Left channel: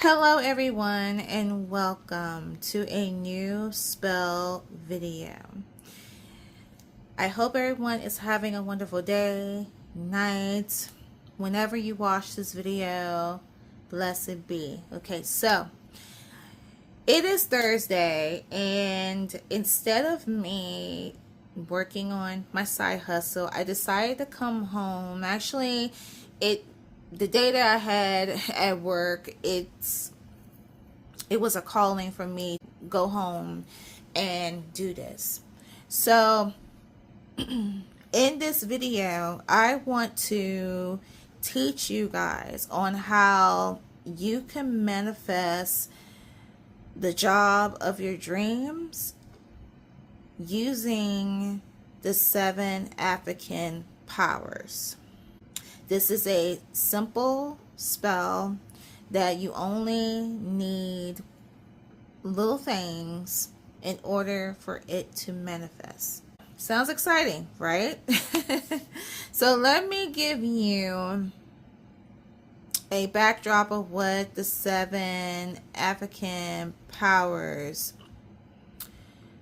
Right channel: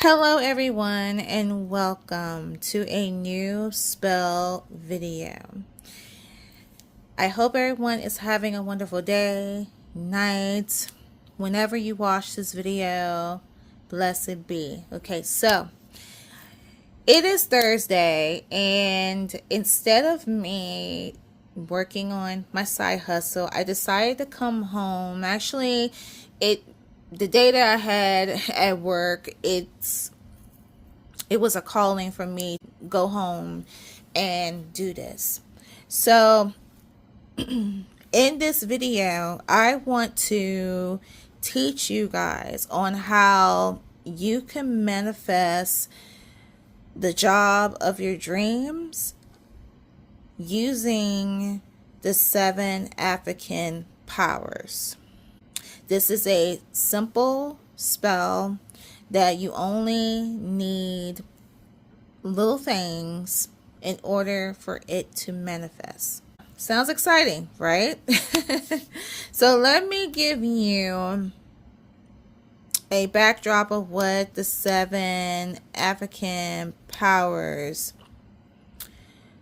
Hello everyone and welcome to a new spell video. I hope everyone is having a wonderful day, night, whenever you watch this video. Blessed be. Okay, so it is Thursday, and instead of me working on my side hustle, I decided to come home. Actually, the day that I had at work, it was a calling for me to go home and do this. So in this video, I want to teach you guys on how you can manifest the job of your dreams using the 7 African powers. This is a simple spell that you only need little things in order for it to manifest. Sounds exciting, right? So let me give you a backdrop of what the 7 African powers,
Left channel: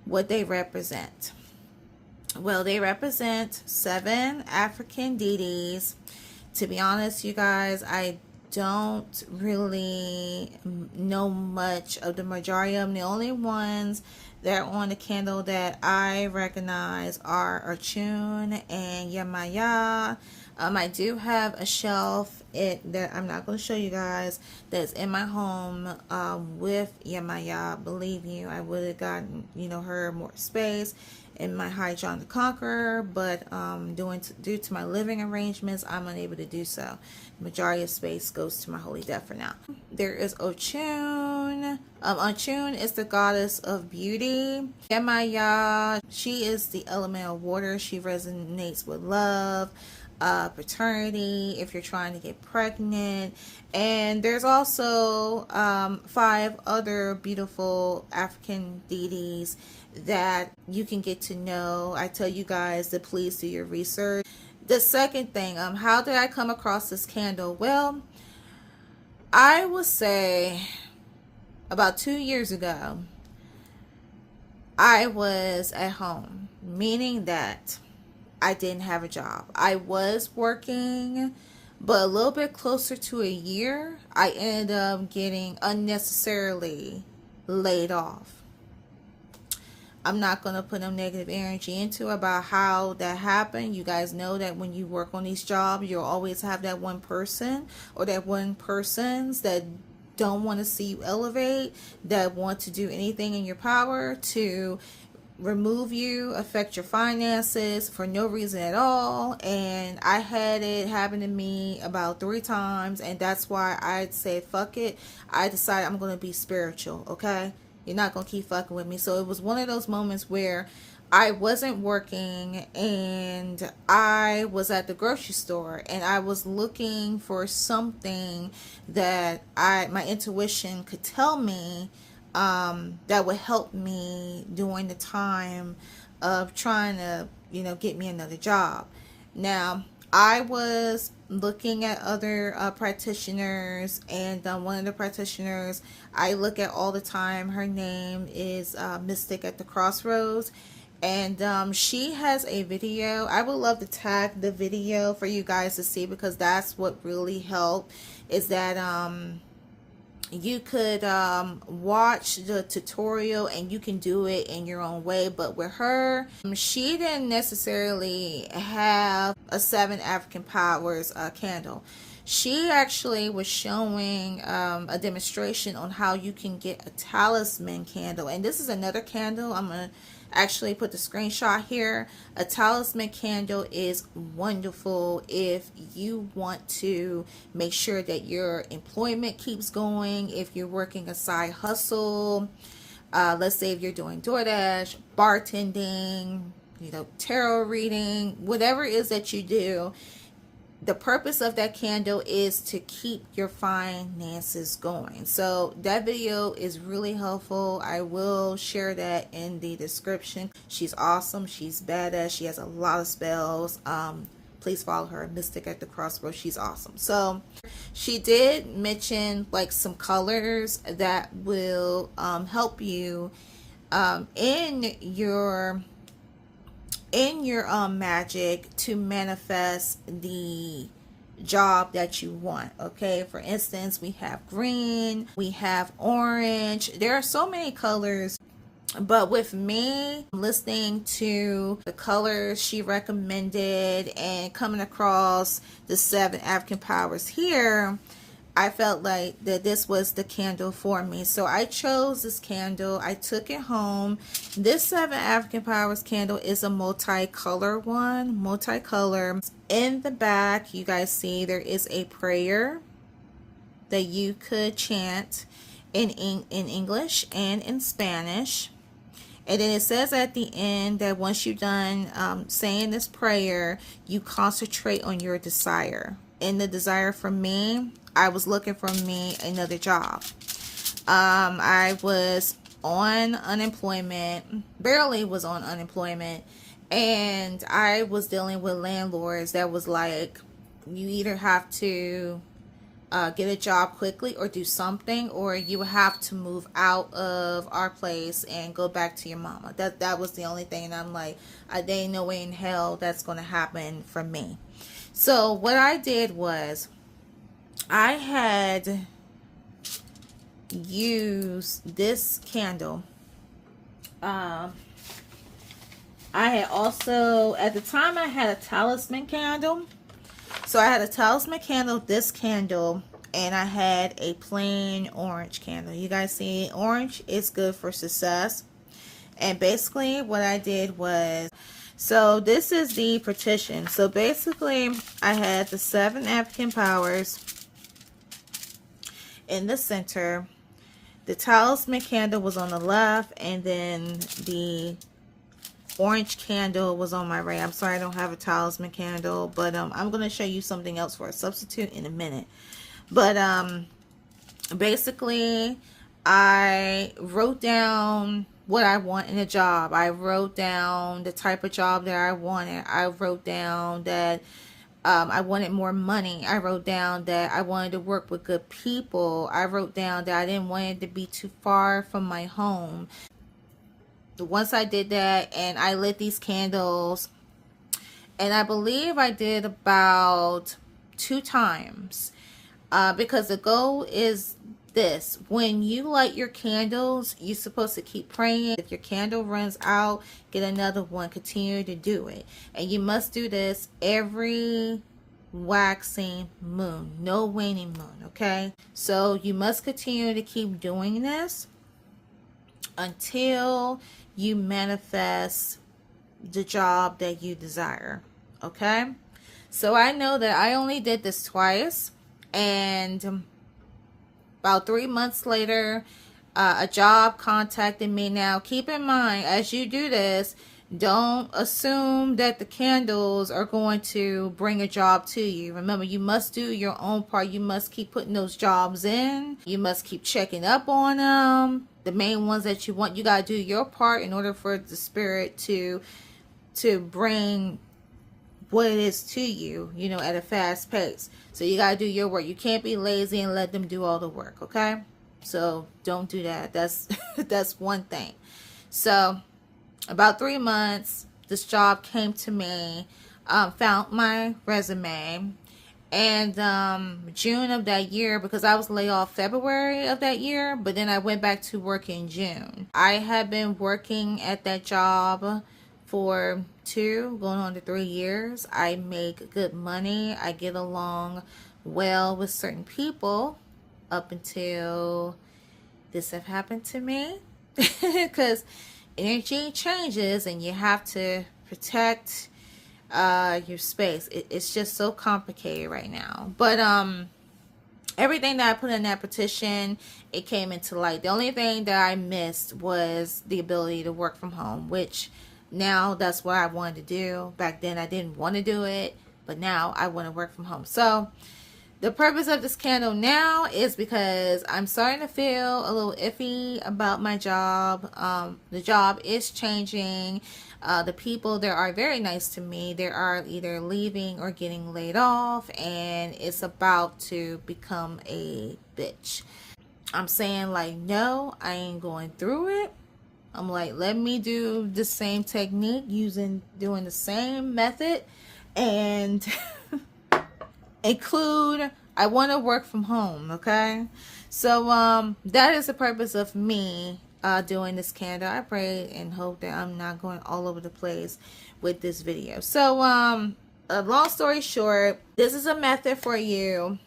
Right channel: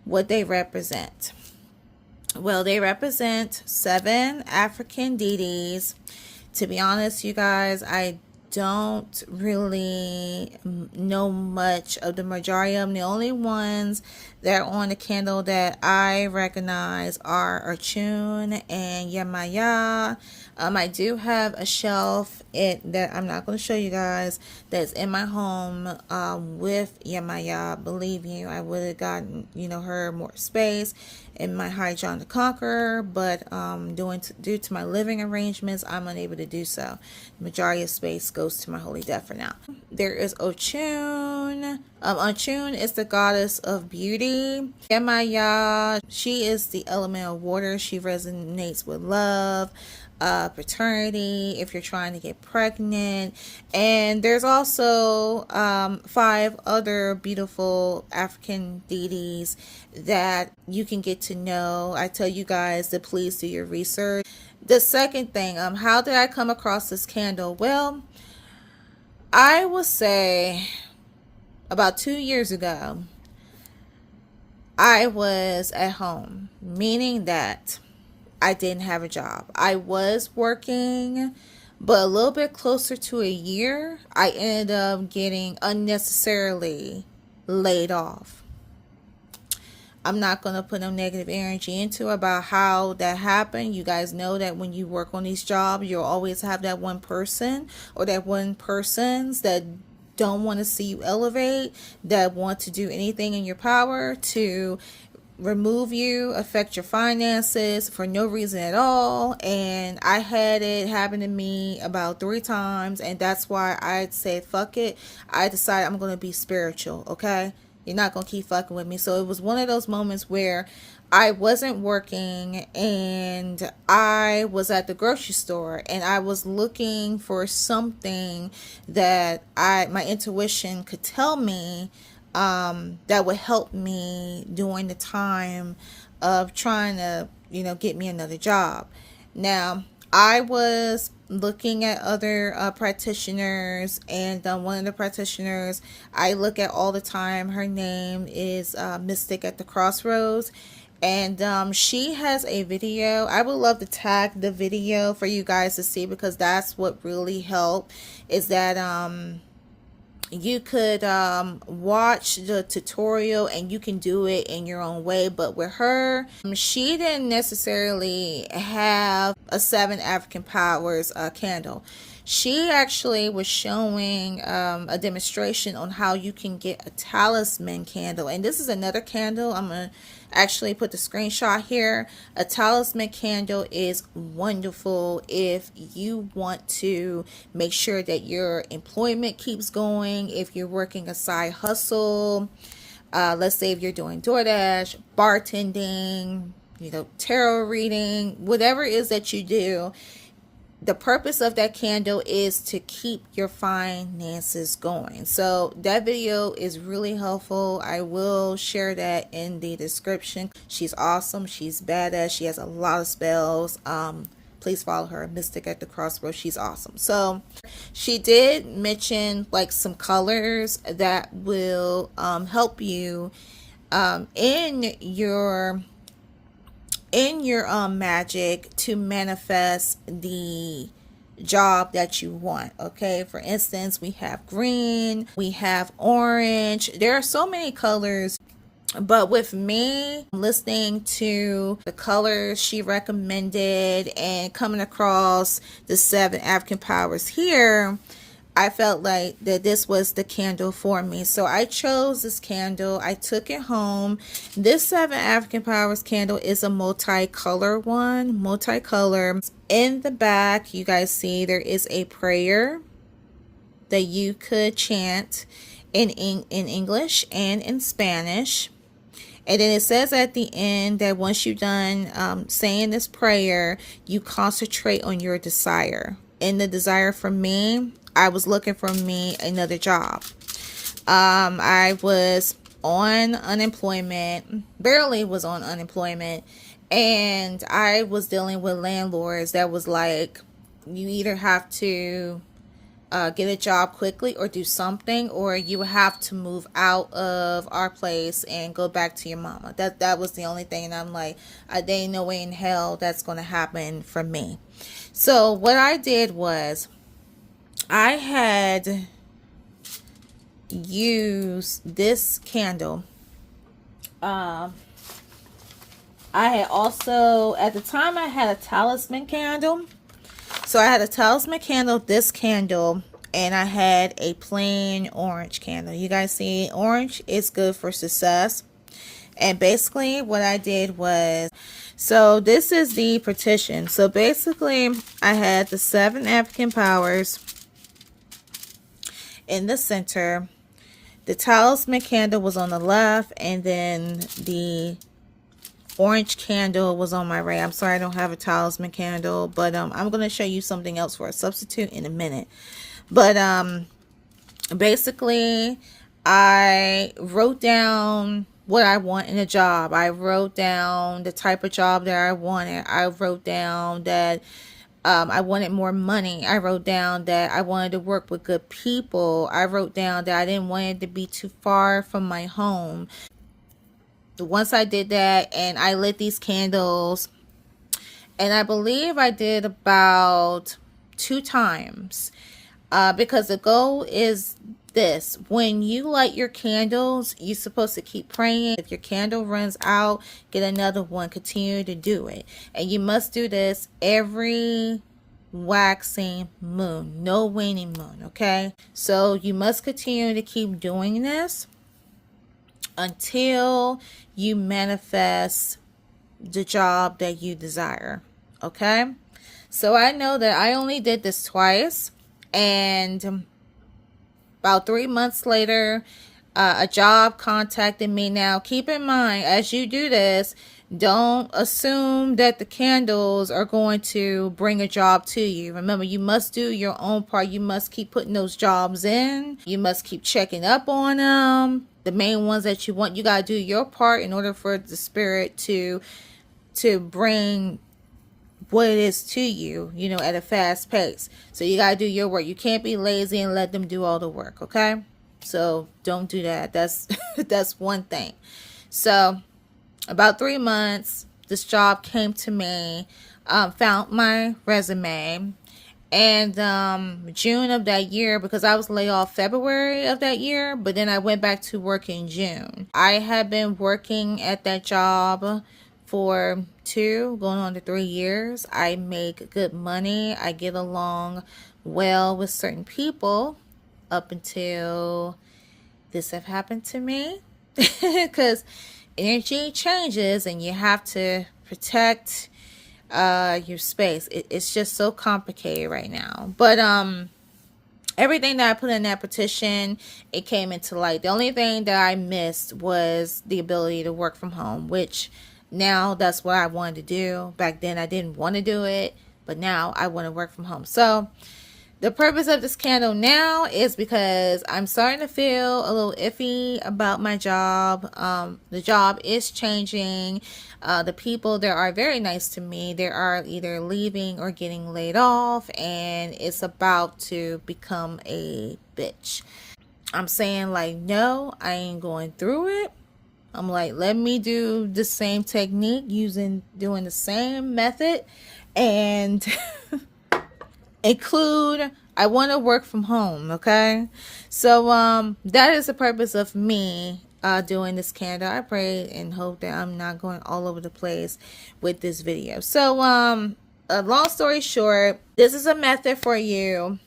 what they represent. Well, they represent 7 African deities. To be honest, you guys, I don't really know much of the majority of them. The only ones that are on the candle that I recognize are Ochun and Yemaya. I do have a shelf that I'm not going to show you guys that's in my home with Yemaya. Believe you, I would have gotten her more space in my High John the Conqueror, but due to my living arrangements, I'm unable to do so. The majority of space goes to my holy death for now. There is Ochun. Ochun is the goddess of beauty. Yemaya, she is the element of water. She resonates with love, paternity, if you're trying to get pregnant. And there's also 5 other beautiful African deities that you can get to know. I tell you guys to please do your research. The second thing, how did I come across this candle? Well, I would say about 2 years ago, I was at home, meaning that I didn't have a job. I was working, but a little bit closer to a year, I ended up getting unnecessarily laid off. I'm not going to put no negative energy into about how that happened. You guys know that when you work on these jobs, you'll always have that one person or that one persons that don't want to see you elevate, that want to do anything in your power to remove you, affect your finances for no reason at all. And I had it happen to me about 3 times, and that's why I'd say fuck it. I decided I'm going to be spiritual, okay? You're not going to keep fucking with me. So it was one of those moments where I wasn't working and I was at the grocery store and I was looking for something that my intuition could tell me that would help me during the time of trying to, get me another job. Now, I was looking at other practitioners, and one of the practitioners I look at all the time, her name is Mystic at the Crossroads, and she has a video. I would love to tag the video for you guys to see, because that's what really helped, is that you could watch the tutorial and you can do it in your own way. But with her, she didn't necessarily have a 7 African powers candle. She actually was showing a demonstration on how you can get a talisman candle. And this is another candle. I'm going to actually put the screenshot here. A talisman candle is wonderful if you want to make sure that your employment keeps going, if you're working a side hustle. Let's say if you're doing DoorDash, bartending, tarot reading, whatever it is that you do. The purpose of that candle is to keep your finances going. So that video is really helpful. I will share that in the description. She's awesome. She's badass. She has a lot of spells. please follow her, Mystic at the Crossroads. She's awesome. So she did mention like some colors that will help you in your magic to manifest the job that you want. Okay, for instance, we have green, we have orange. There are so many colors, but with me listening to the colors she recommended and coming across the 7 African powers here, I felt like that this was the candle for me. So I chose this candle. I took it home. This 7 African Powers candle is a multicolor one. Multicolor. In the back, you guys see there is a prayer that you could chant in English and in Spanish. And then it says at the end that once you're done saying this prayer, you concentrate on your desire. And the desire for me, I was looking for me another job. I was on unemployment, barely was on unemployment, and I was dealing with landlords that was like, you either have to get a job quickly or do something, or you have to move out of our place and go back to your mama. That was the only thing. And I'm like, there ain't no way in hell that's going to happen for me. So what I did was, I had used this candle. I had also, at the time, I had a talisman candle. So I had a talisman candle, this candle, and I had a plain orange candle. You guys see, orange is good for success. And basically what I did was, so this is the petition. So basically I had the 7 African powers in the center. The talisman candle was on the left, and then the orange candle was on my right. I'm sorry I don't have a talisman candle, but I'm going to show you something else for a substitute in a minute. But basically I wrote down what I want in a job. I wrote down the type of job that I wanted. I wrote down that I wanted more money. I wrote down that I wanted to work with good people. I wrote down that I didn't want it to be too far from my home. Once I did that and I lit these candles, and I believe I did about 2 times, because the goal is this: when you light your candles, you're supposed to keep praying. If your candle runs out, get another one. Continue to do it. And you must do this every waxing moon, no waning moon. Okay, so you must continue to keep doing this until you manifest the job that you desire. Okay, so I know that I only did this twice, and about 3 months later, a job contacted me. Now, keep in mind, as you do this, don't assume that the candles are going to bring a job to you. Remember, you must do your own part. You must keep putting those jobs in. You must keep checking up on them. The main ones that you want, you got to do your part in order for the spirit to bring what it is to you, you know, at a fast pace. So you got to do your work. You can't be lazy and let them do all the work. Okay, so don't do that. That's that's one thing. So about 3 months, this job came to me, found my resume, and June of that year, because I was laid off February of that year, but then I went back to work in June. I had been working at that job for 2 going on to 3 years. I make good money. I get along well with certain people up until this have happened to me. Because energy changes and you have to protect your space. It's just so complicated right now. But everything that I put in that petition, it came into light. The only thing that I missed was the ability to work from home, which now that's what I wanted to do. Back then I didn't want to do it, but now I want to work from home. So The purpose of this candle now is because I'm starting to feel a little iffy about my job. The job is changing. The people that are very nice to me, they are either leaving or getting laid off, and it's about to become a bitch. I'm saying like, no, I ain't going through it. I'm like, let me do the same technique, doing the same method, and include, I want to work from home. Okay, so that is the purpose of me doing this candle. I pray and hope that I'm not going all over the place with this video. So a long story short, this is a method for you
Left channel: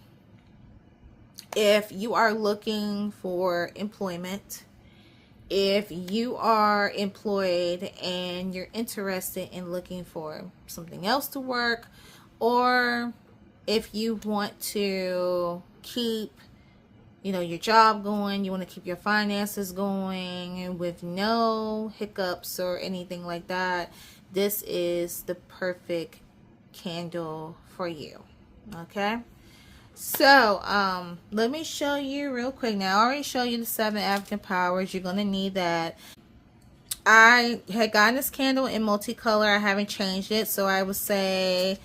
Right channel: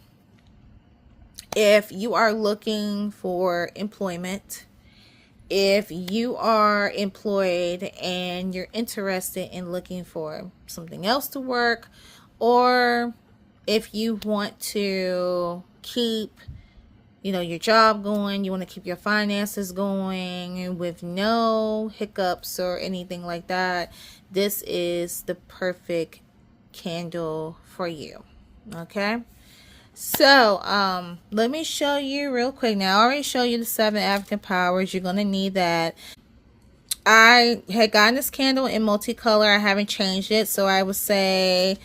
if you are looking for employment, if you are employed and you're interested in looking for something else to work, or if you want to keep, your job going, you want to keep your finances going with no hiccups or anything like that, this is the perfect candle for you. Okay. So, let me show you real quick. Now, I already showed you the 7 African powers. You're going to need that. I had gotten this candle in multicolor. I haven't changed it. So, I would say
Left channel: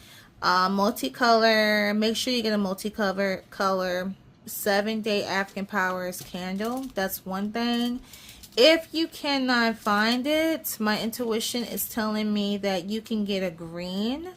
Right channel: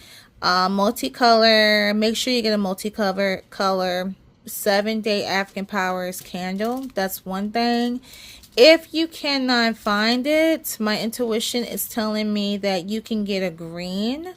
multicolor. Make sure you get a multicolor 7-day African powers candle. That's one thing. If you cannot find it, my intuition is telling me that you can get a green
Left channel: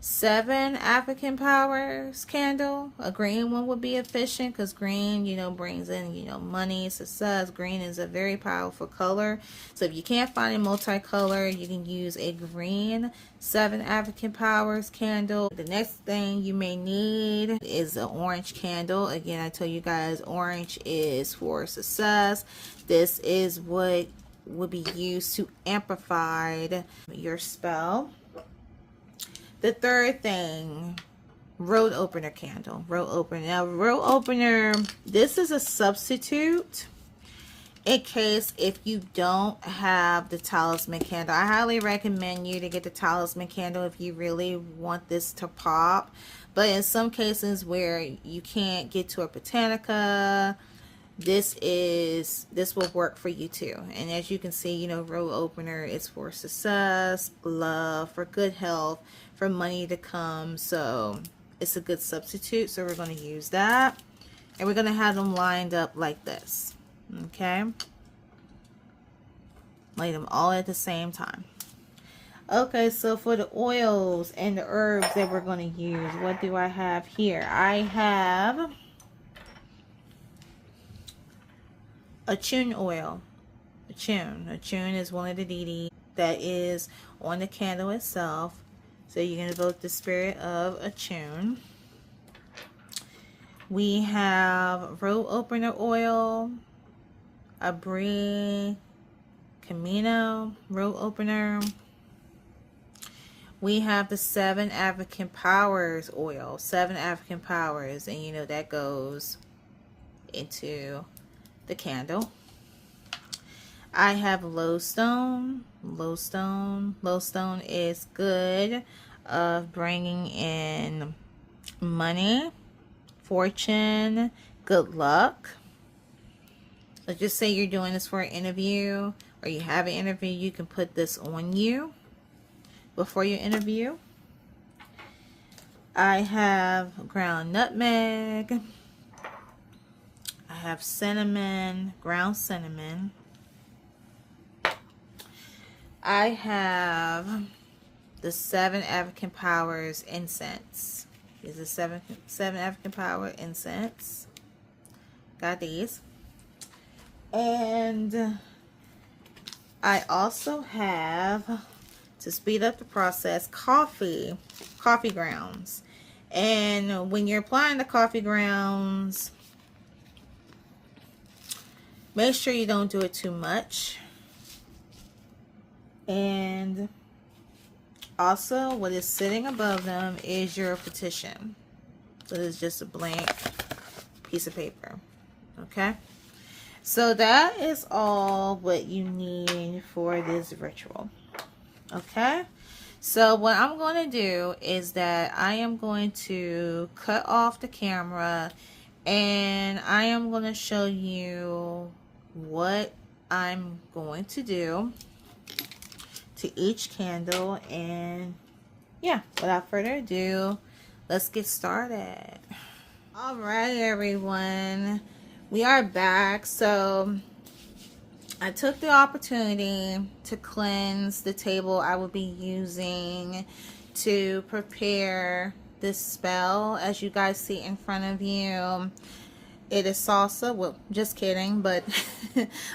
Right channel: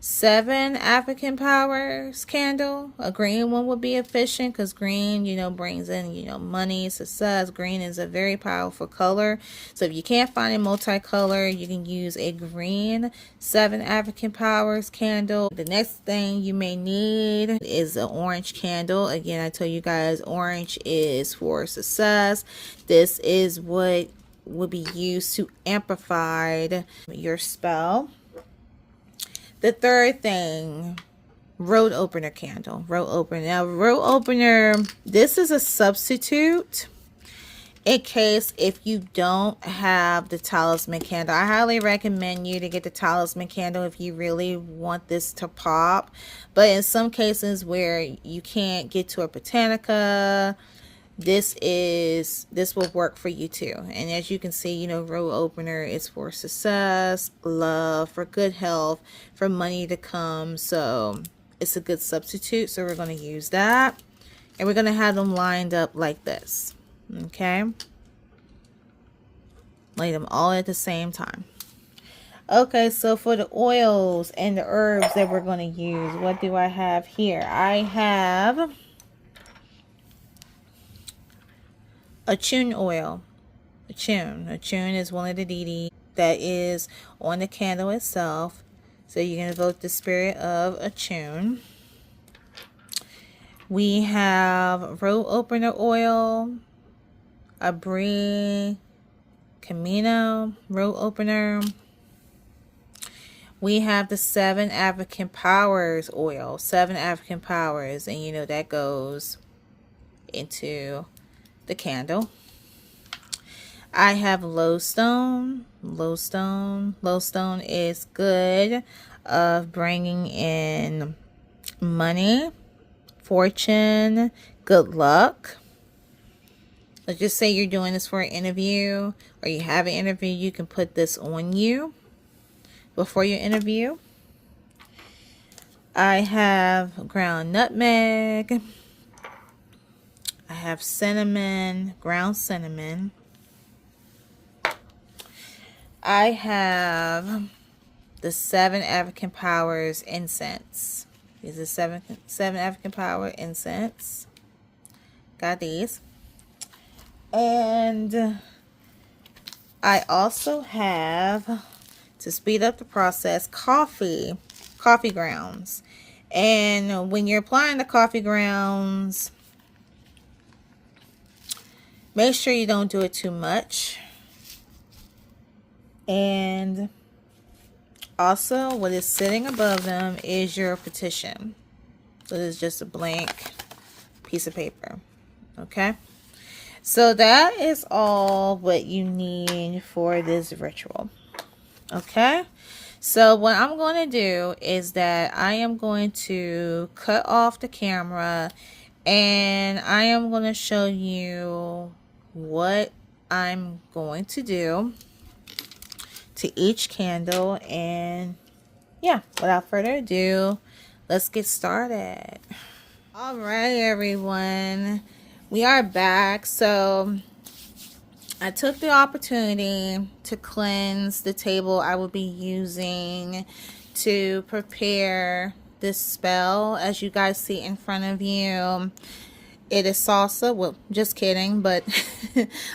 7 African powers candle. A green one would be efficient because green, brings in, money, success. Green is a very powerful color. So if you can't find a multicolor, you can use a green 7 African powers candle. The next thing you may need is an orange candle. Again, I tell you guys, orange is for success. This is what would be used to amplify your spell. The third thing, road opener candle. Road opener. Now, road opener, this is a substitute in case if you don't have the talisman candle. I highly recommend you to get the talisman candle if you really want this to pop. But in some cases where you can't get to a botanica, this will work for you too. And as you can see, road opener is for success, love, for good health, for money to come. So it's a good substitute. So we're going to use that, and we're going to have them lined up like this. Okay, lay them all at the same time. Okay, so for the oils and the herbs that we're going to use, what do I have here? I have Achun oil. Achun is one of the deities that is on the candle itself. So you can evoke the spirit of Achun. We have road opener oil, Abri Camino road opener. We have the 7 African powers oil, 7 African powers, and that goes into the candle. I have lowstone. Lowstone is good of bringing in money, fortune, good luck. Let's just say you're doing this for an interview, or you have an interview, you can put this on you before your interview. I have ground nutmeg. I have cinnamon, ground cinnamon. I have the 7 African powers incense. These are 7 African power incense. Got these. And I also have, to speed up the process, coffee grounds. And when you're applying the coffee grounds, make sure you don't do it too much. And also, what is sitting above them is your petition. So this is just a blank piece of paper. Okay? So that is all what you need for this ritual. Okay? So what I'm going to do is that I am going to cut off the camera and I am going to show you what I'm going to do to each candle. And yeah, without further ado, let's get started. All right, everyone, we are back. So I took the opportunity to cleanse the table I will be using to prepare this spell. As you guys see in front of you, it is salsa. Well, just kidding, but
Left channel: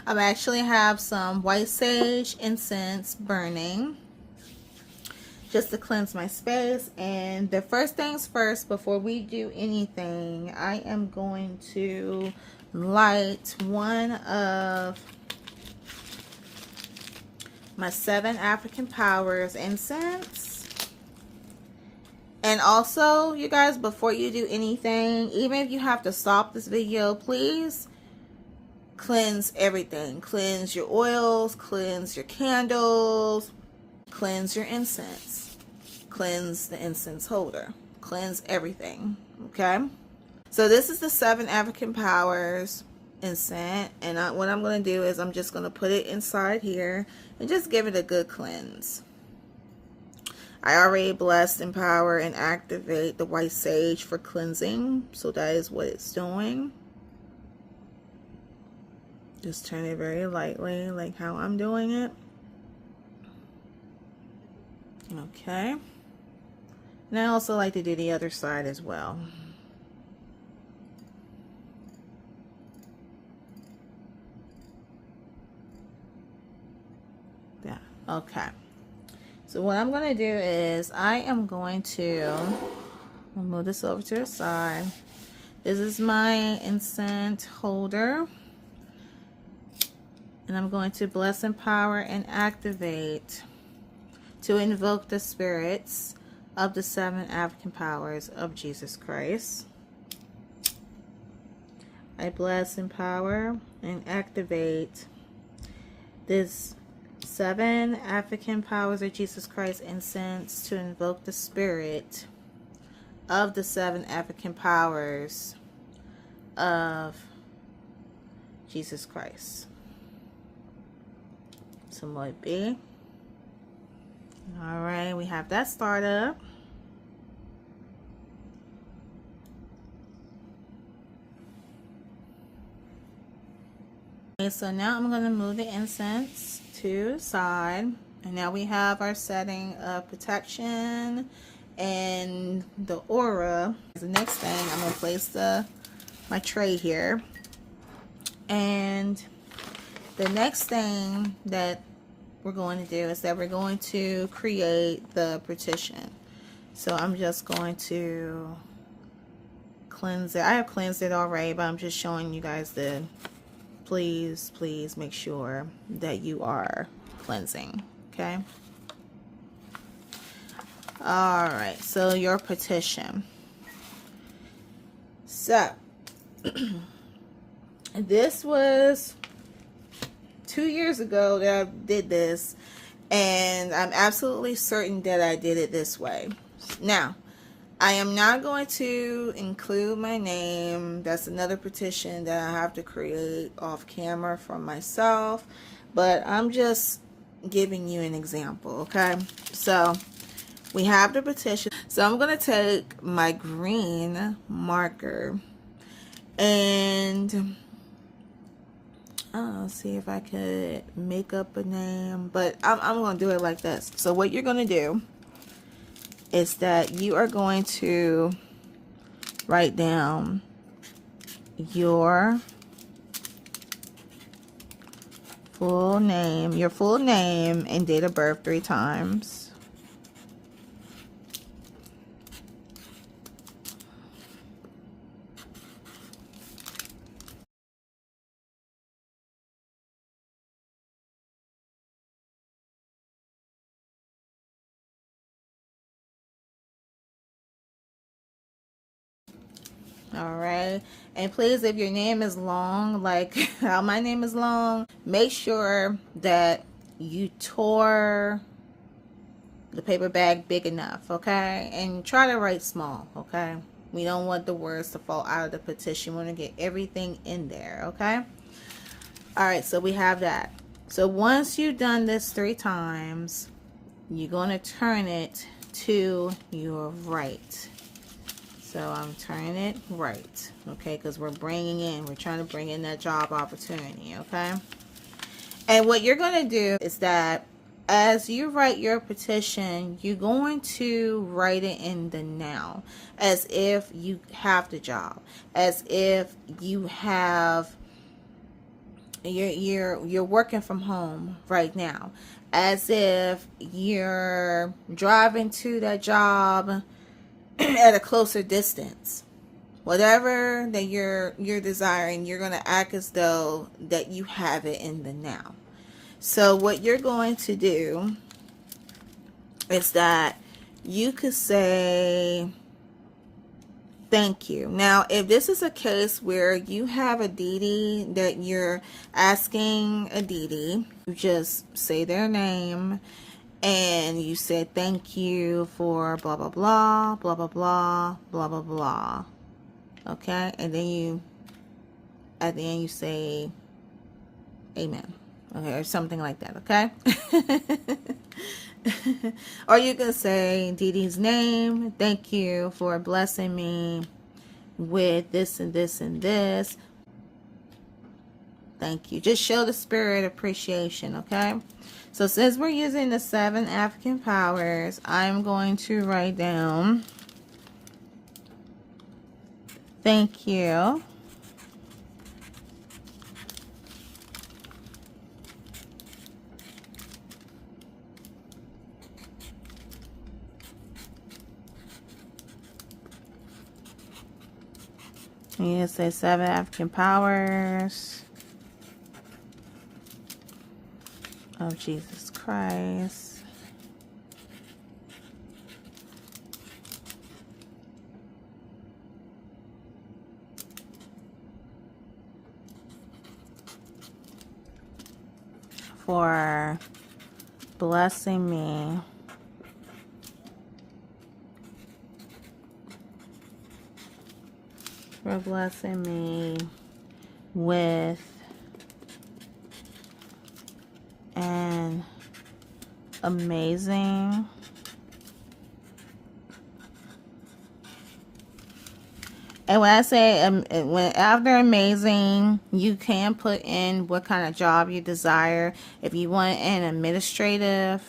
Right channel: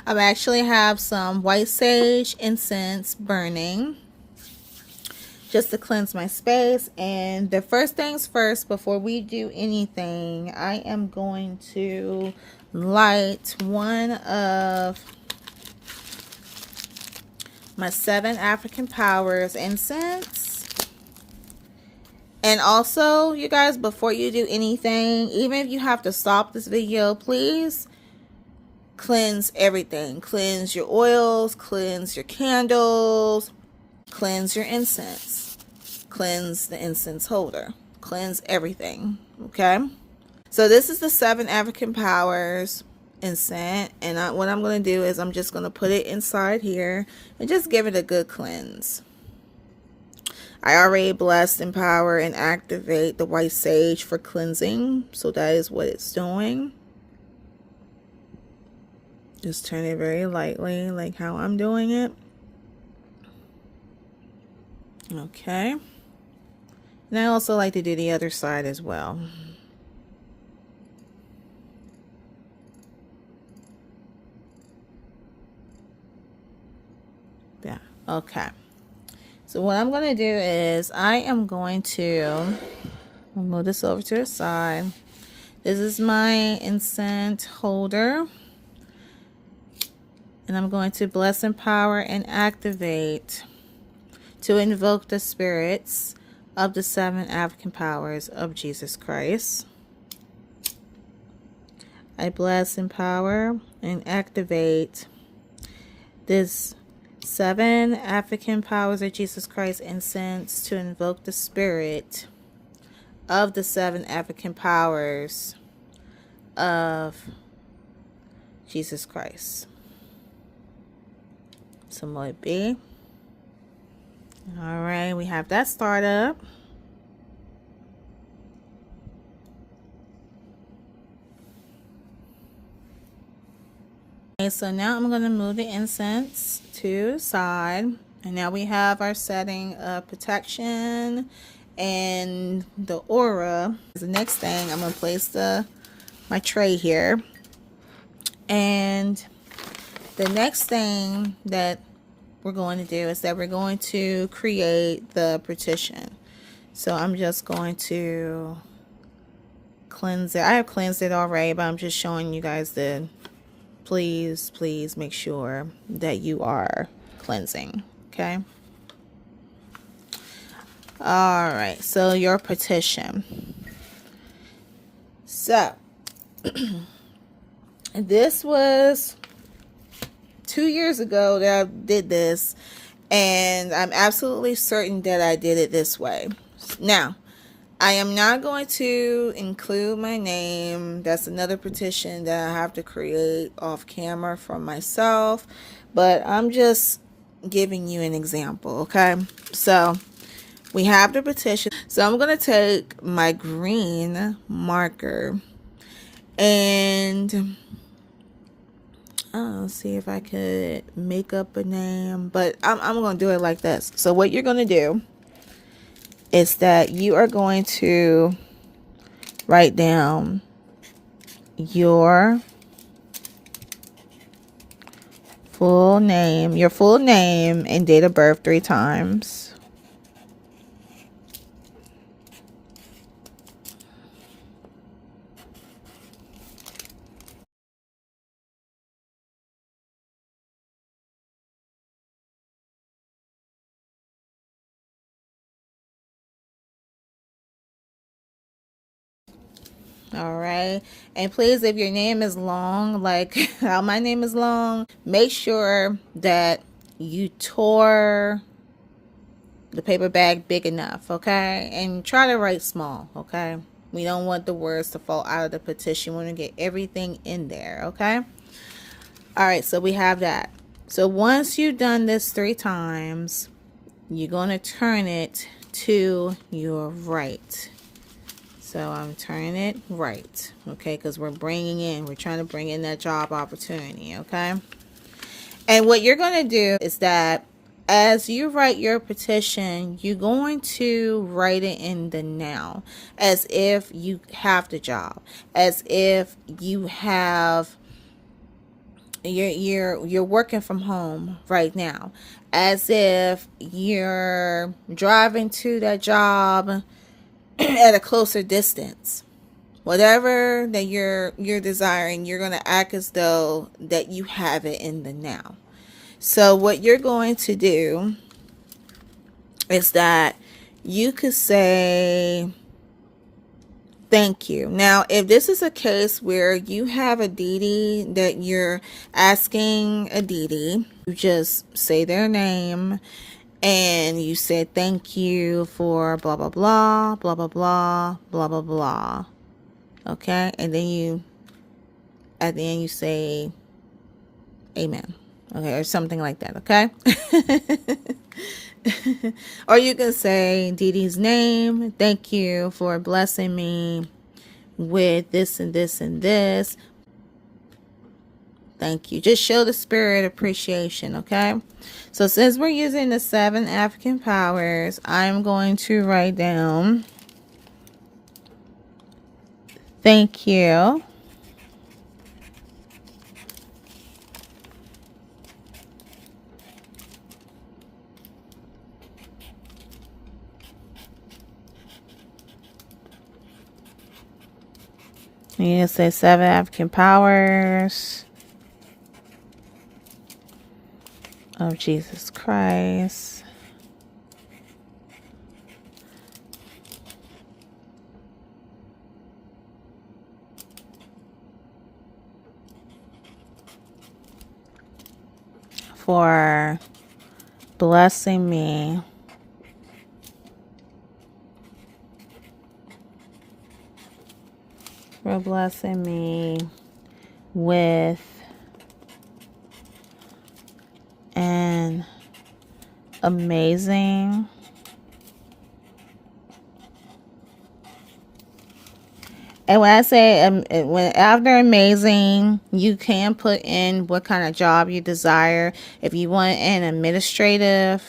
I actually have some white sage incense burning just to cleanse my space. And the first things first, before we do anything, I am going to light one of my 7 African Powers incense. And also, you guys, before you do anything, even if you have to stop this video, please cleanse everything. Cleanse your oils, cleanse your candles, cleanse your incense, cleanse the incense holder, cleanse everything. Okay, so this is the 7 African Powers incense, and what I'm going to do is I'm just going to put it inside here and just give it a good cleanse. I already bless, empower, and activate the white sage for cleansing, so that is what it's doing. Just turn it very lightly, like how I'm doing it. Okay. And I also like to do the other side as well. Yeah, okay. So what I'm going to do is I am going to move this over to the side. This is my incense holder. And I'm going to bless, empower, and activate to invoke the spirits of the 7 African Powers of Jesus Christ. I bless, empower, and activate this 7 African Powers of Jesus Christ incense to invoke the spirit of the 7 African Powers of Jesus Christ. So let it be. All right, we have that start up. Okay, so now I'm going to move the incense to the side. And now we have our setting of protection and the aura. The next thing, I'm going to place my tray here. And the next thing that we're going to do is that we're going to create the petition. So I'm just going to cleanse it. I have cleansed it already, but I'm just showing you guys the please make sure that you are cleansing. Okay. All right, so your petition. So this was 2 years ago that I did this, and I'm absolutely certain that I did it this way. Now, I am not going to include my name. That's another petition that I have to create off camera for myself, but I'm just giving you an example, okay? So we have the petition. So I'm going to take my green marker and see if I could make up a name, but I'm going to do it like this. So what you're going to do is that you are going to write down your full name and date of birth 3 times. All right, and please, if your name is long, like how my name is long, make sure that you tore the paper bag big enough, okay? And try to write small, okay? We don't want the words to fall out of the petition. We want to get everything in there, okay? All right, so we have that. So once you've done this 3 times, you're going to turn it to your right. So I'm turning it right, okay? Because we're trying to bring in that job opportunity, okay? And what you're going to do is that as you write your petition, you're going to write it in the now, as if you have the job, as if you have you're working from home right now, as if you're driving to that job at a closer distance. Whatever that you're desiring, you're going to act as though that you have it in the now. So what you're going to do is that you could say thank you. Now, if this is a case where you have a deity that you're asking a deity, you just say their name and you say thank you for blah blah blah blah blah blah blah blah blah. Okay, and then you at the end you say amen. Okay, or something like that, okay? Or you can say deity's name, thank you for blessing me with this and this and this. Thank you. Just show the spirit appreciation, okay? So since we're using the 7 African powers, I'm going to write down thank you You can say 7 African powers of Jesus Christ. For blessing me with an amazing and when I say when after amazing, you can put in what kind of job you desire. If you want an administrative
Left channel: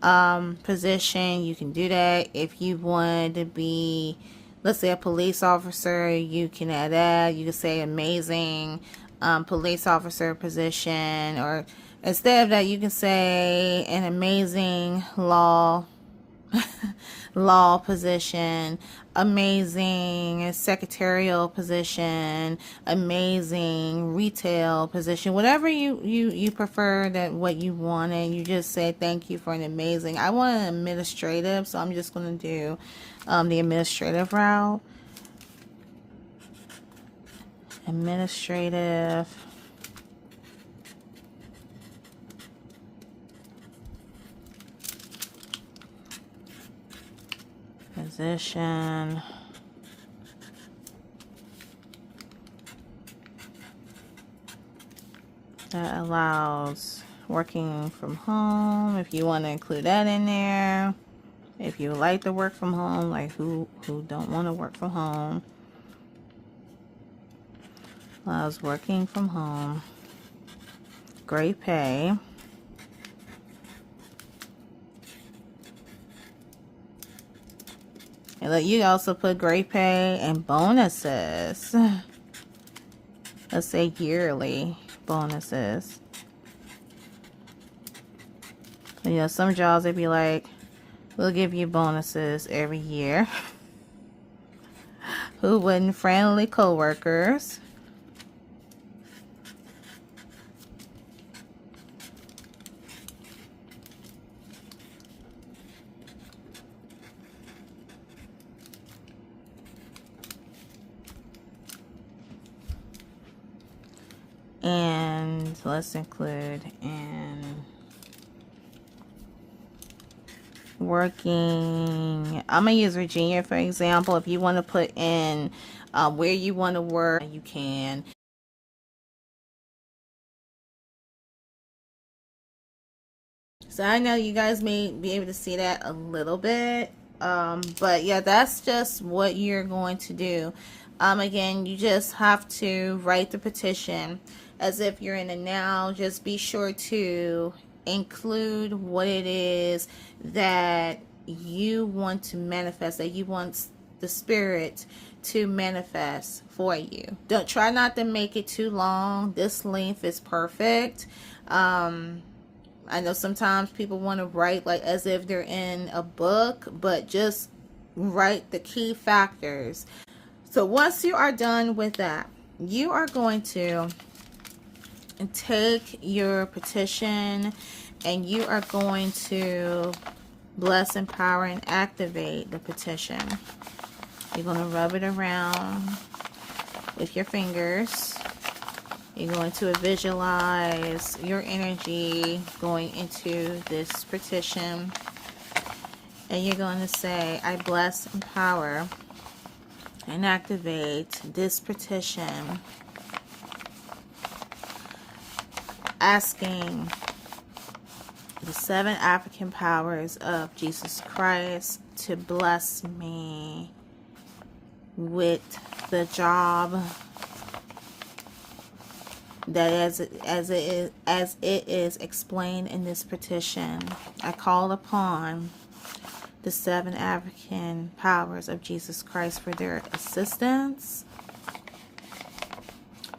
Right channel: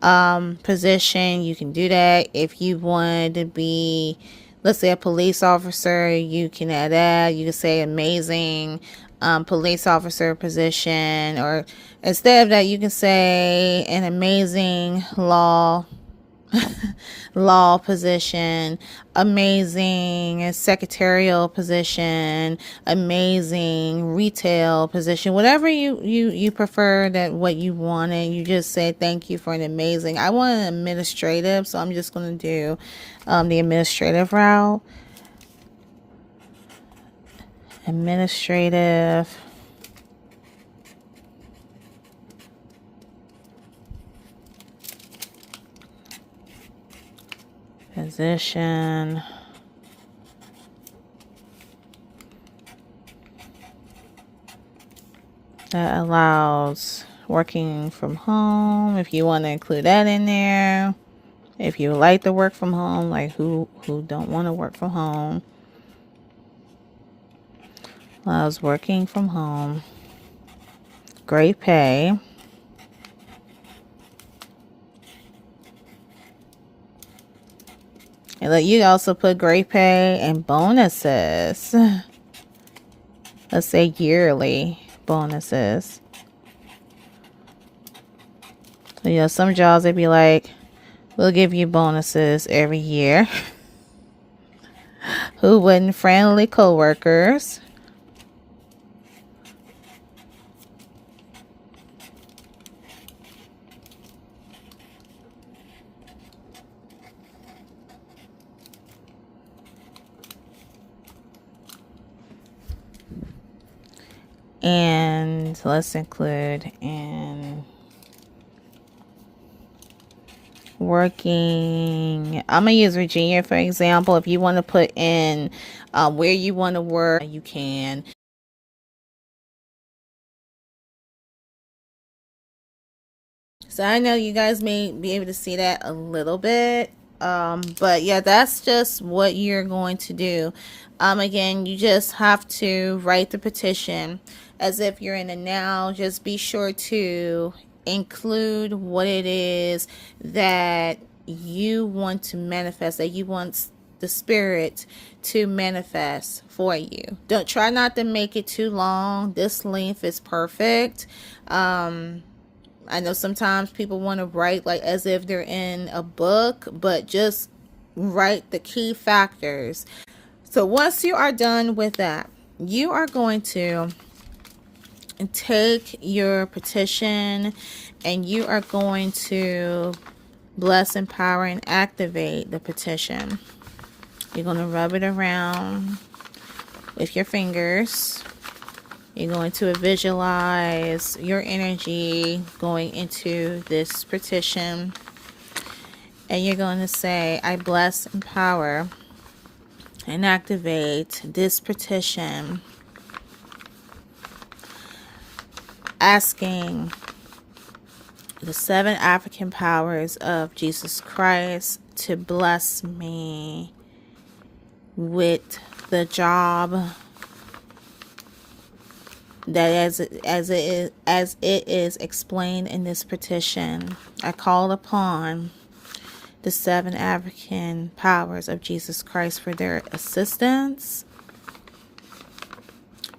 position, you can do that. If you want to be, let's say, a police officer, you can add that. You can say amazing police officer position, or instead of that, you can say an amazing law position, amazing secretarial position, amazing retail position, whatever you prefer, that what you want, and you just say thank you for an amazing. I want an administrative, so I'm just going to do the administrative route. Administrative position that allows working from home, if you want to include that in there. If you like to work from home, like who don't want to work from home, allows working from home, great pay, and let you also put great pay and bonuses. Let's say yearly bonuses. So, some jobs they'd be like, we'll give you bonuses every year. Who wouldn't? Friendly coworkers. And let's include an working, I'm gonna use Virginia for example. If you want to put in where you want to work, you can. So I know you guys may be able to see that a little bit, but yeah, that's just what you're going to do. Again, you just have to write the petition as if you're in a now. Just be sure to include what it is that you want to manifest, that you want the spirit to manifest for you. Don't try not to make it too long. This length is perfect. I know sometimes people want to write like as if they're in a book, but just write the key factors. So once you are done with that, you are going to take your petition and you are going to bless, empower, and activate the petition. You're going to rub it around with your fingers. You're going to visualize your energy going into this petition. And you're going to say, I bless, empower, and activate this petition, asking the 7 African powers of Jesus Christ to bless me with the job that as it is explained in this petition. I call upon the 7 African powers of Jesus Christ for their assistance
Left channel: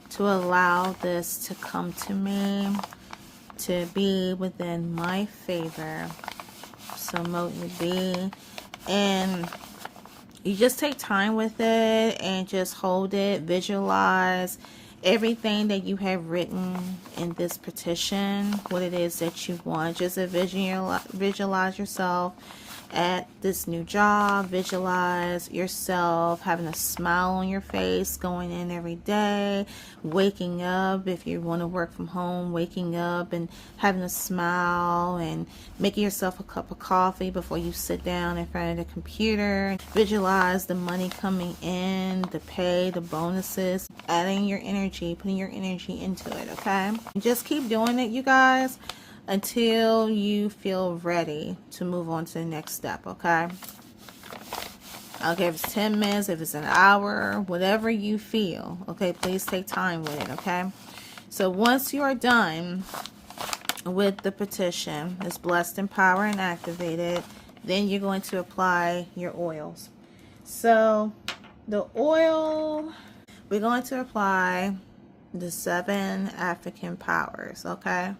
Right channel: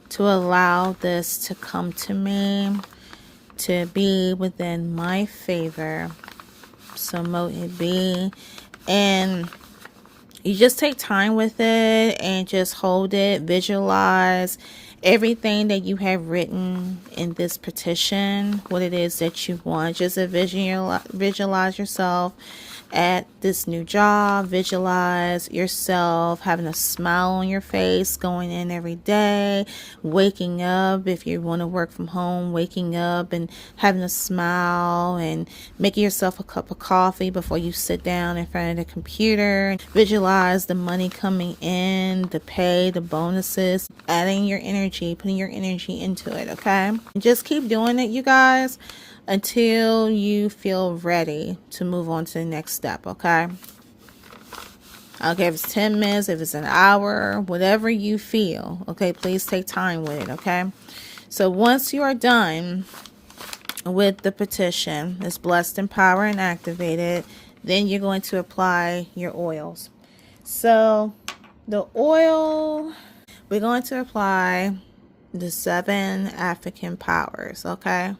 to allow this to come to me, to be within my favor. So mote it be. And you just take time with it and just hold it, visualize everything that you have written in this petition, what it is that you want. Just visualize yourself at this new job. Visualize yourself having a smile on your face, going in every day, waking up. If you want to work from home, waking up and having a smile and making yourself a cup of coffee before you sit down in front of the computer. Visualize the money coming in, the pay, the bonuses, adding your energy, putting your energy into it, okay? And just keep doing it, you guys, until you feel ready to move on to the next step, okay? Okay, if it's 10 minutes, if it's an hour, whatever you feel, okay? Please take time with it, okay? So once you are done with the petition, it's blessed, empower, and activated, then you're going to apply your oils. So the oil, we're going to apply the 7 African powers, okay?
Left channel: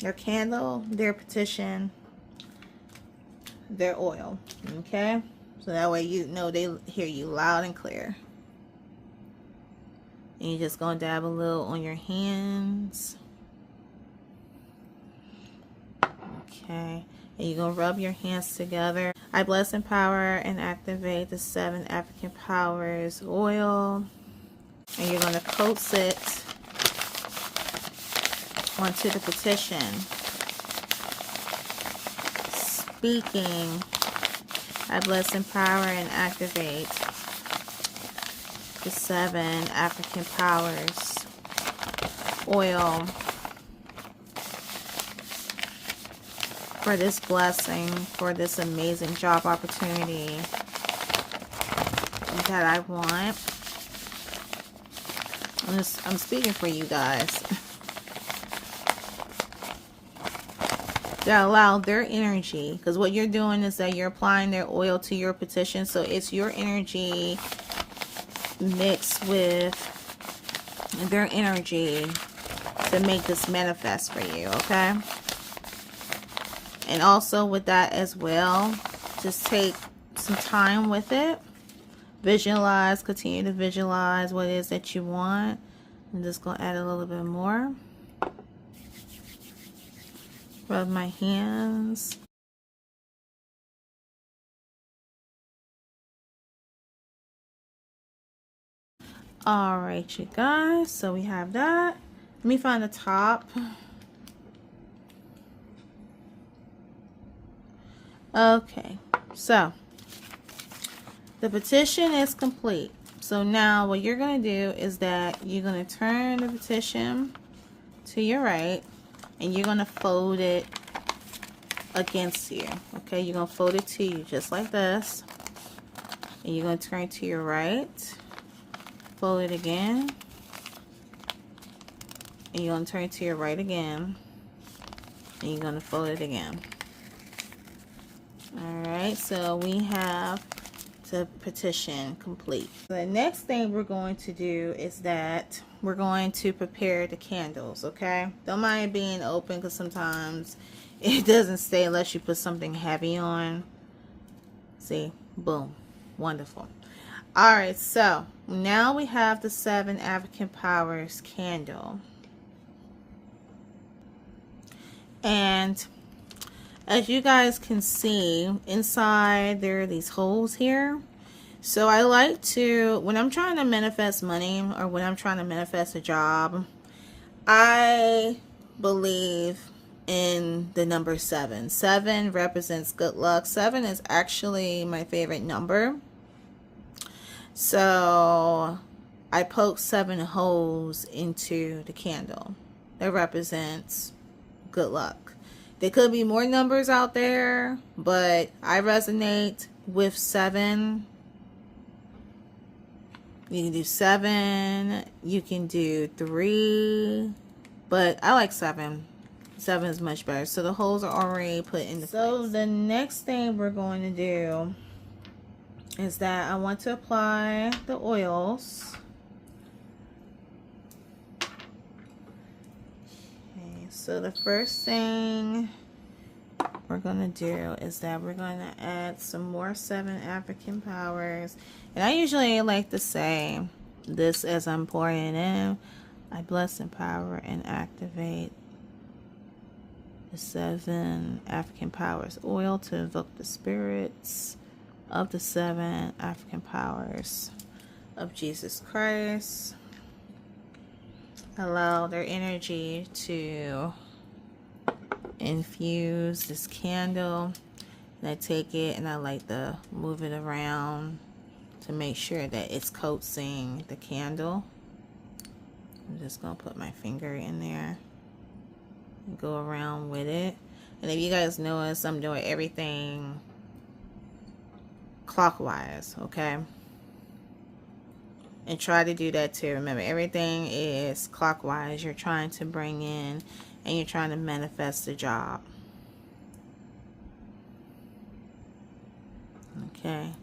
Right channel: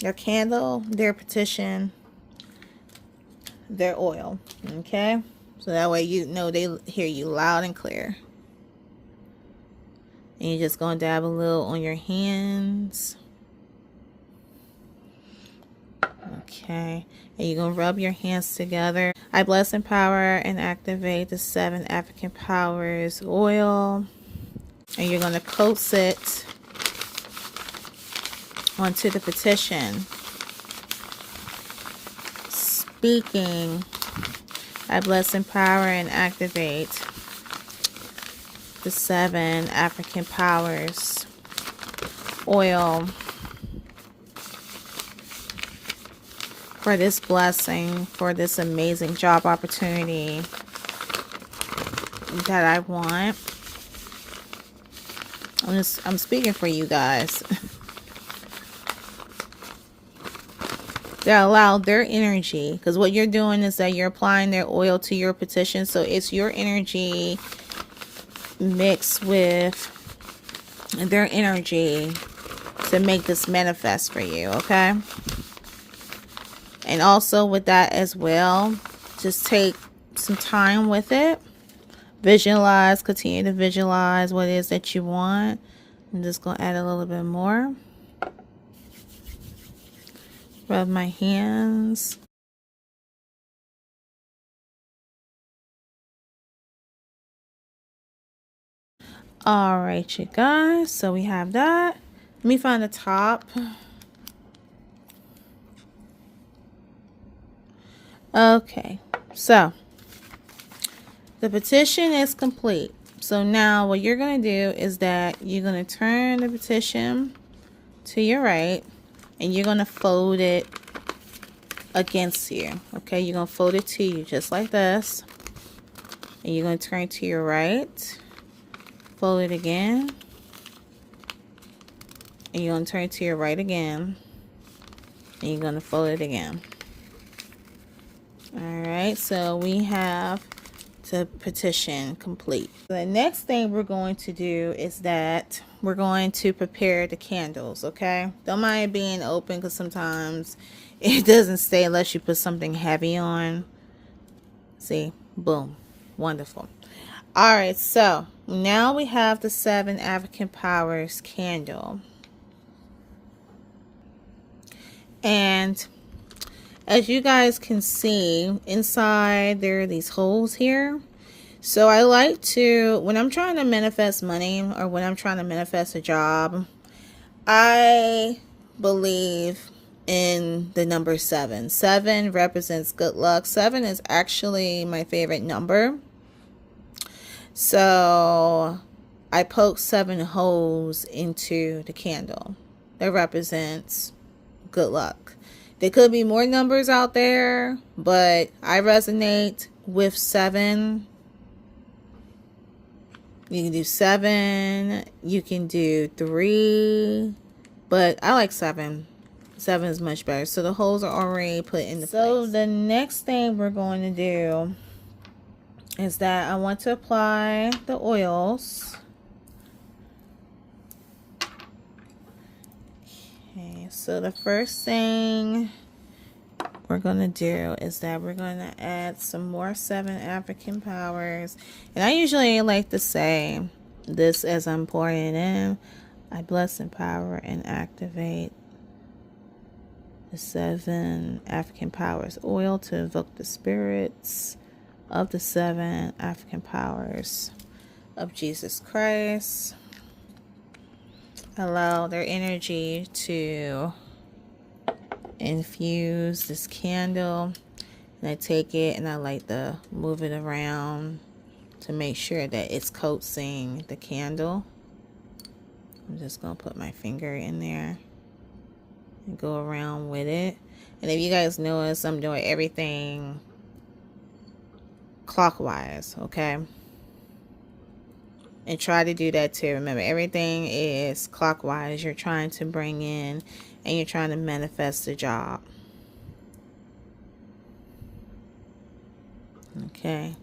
Their candle, their petition, their oil, okay? So that way you know they hear you loud and clear. And you're just going to dab a little on your hands. Okay. And you're going to rub your hands together. I bless, empower, and activate the 7 African powers oil. And you're going to coat it onto the petition, speaking, I bless, empower, and activate the 7 African powers oil for this blessing, for this amazing job opportunity that I want. I'm speaking for you guys. They allow their energy, because what you're doing is that you're applying their oil to your petition. So it's your energy mixed with their energy to make this manifest for you, okay? And also with that as well, just take some time with it. Visualize, continue to visualize what it is that you want. I'm just going to add a little bit more. Rub my hands. All right, you guys. So we have that. Let me find the top. Okay, so the petition is complete. So now what you're going to do is that you're going to turn the petition to your right, and you're going to fold it against you. Okay, you're going to fold it to you just like this, and you're going to turn to your right, fold it again, and you're going to turn to your right again, and you're going to fold it again. Alright, so we have the petition complete. The next thing we're going to do is that we're going to prepare the candles, okay? Don't mind being open because sometimes it doesn't stay unless you put something heavy on. See? Boom. Wonderful. Alright, so now we have the 7 African Powers candle. And as you guys can see, inside there are these holes here. So I like to, when I'm trying to manifest money or when I'm trying to manifest a job, I believe in the number 7. 7 represents good luck. 7 is actually my favorite number. So I poked 7 holes into the candle. That represents good luck. There could be more numbers out there, but I resonate with 7. You can do 7. You can do 3. But I like 7. 7 is much better. So the holes are already put in the place. So the next thing we're going to do is that I want to apply the oils. So the first thing we're going to do is that we're going to add some more 7 African Powers. And I usually like to say this as I'm pouring it in. I bless, empower, and activate the 7 African Powers oil to invoke the spirits of the 7 African Powers of Jesus Christ. Allow their energy to infuse this candle. And I take it and I like to move it around to make sure that it's coating the candle. I'm just going to put my finger in there and go around with it. And if you guys notice, I'm doing everything clockwise, okay? And try to do that too. Remember, everything is clockwise. You're trying to bring in and you're trying to manifest a job. Okay.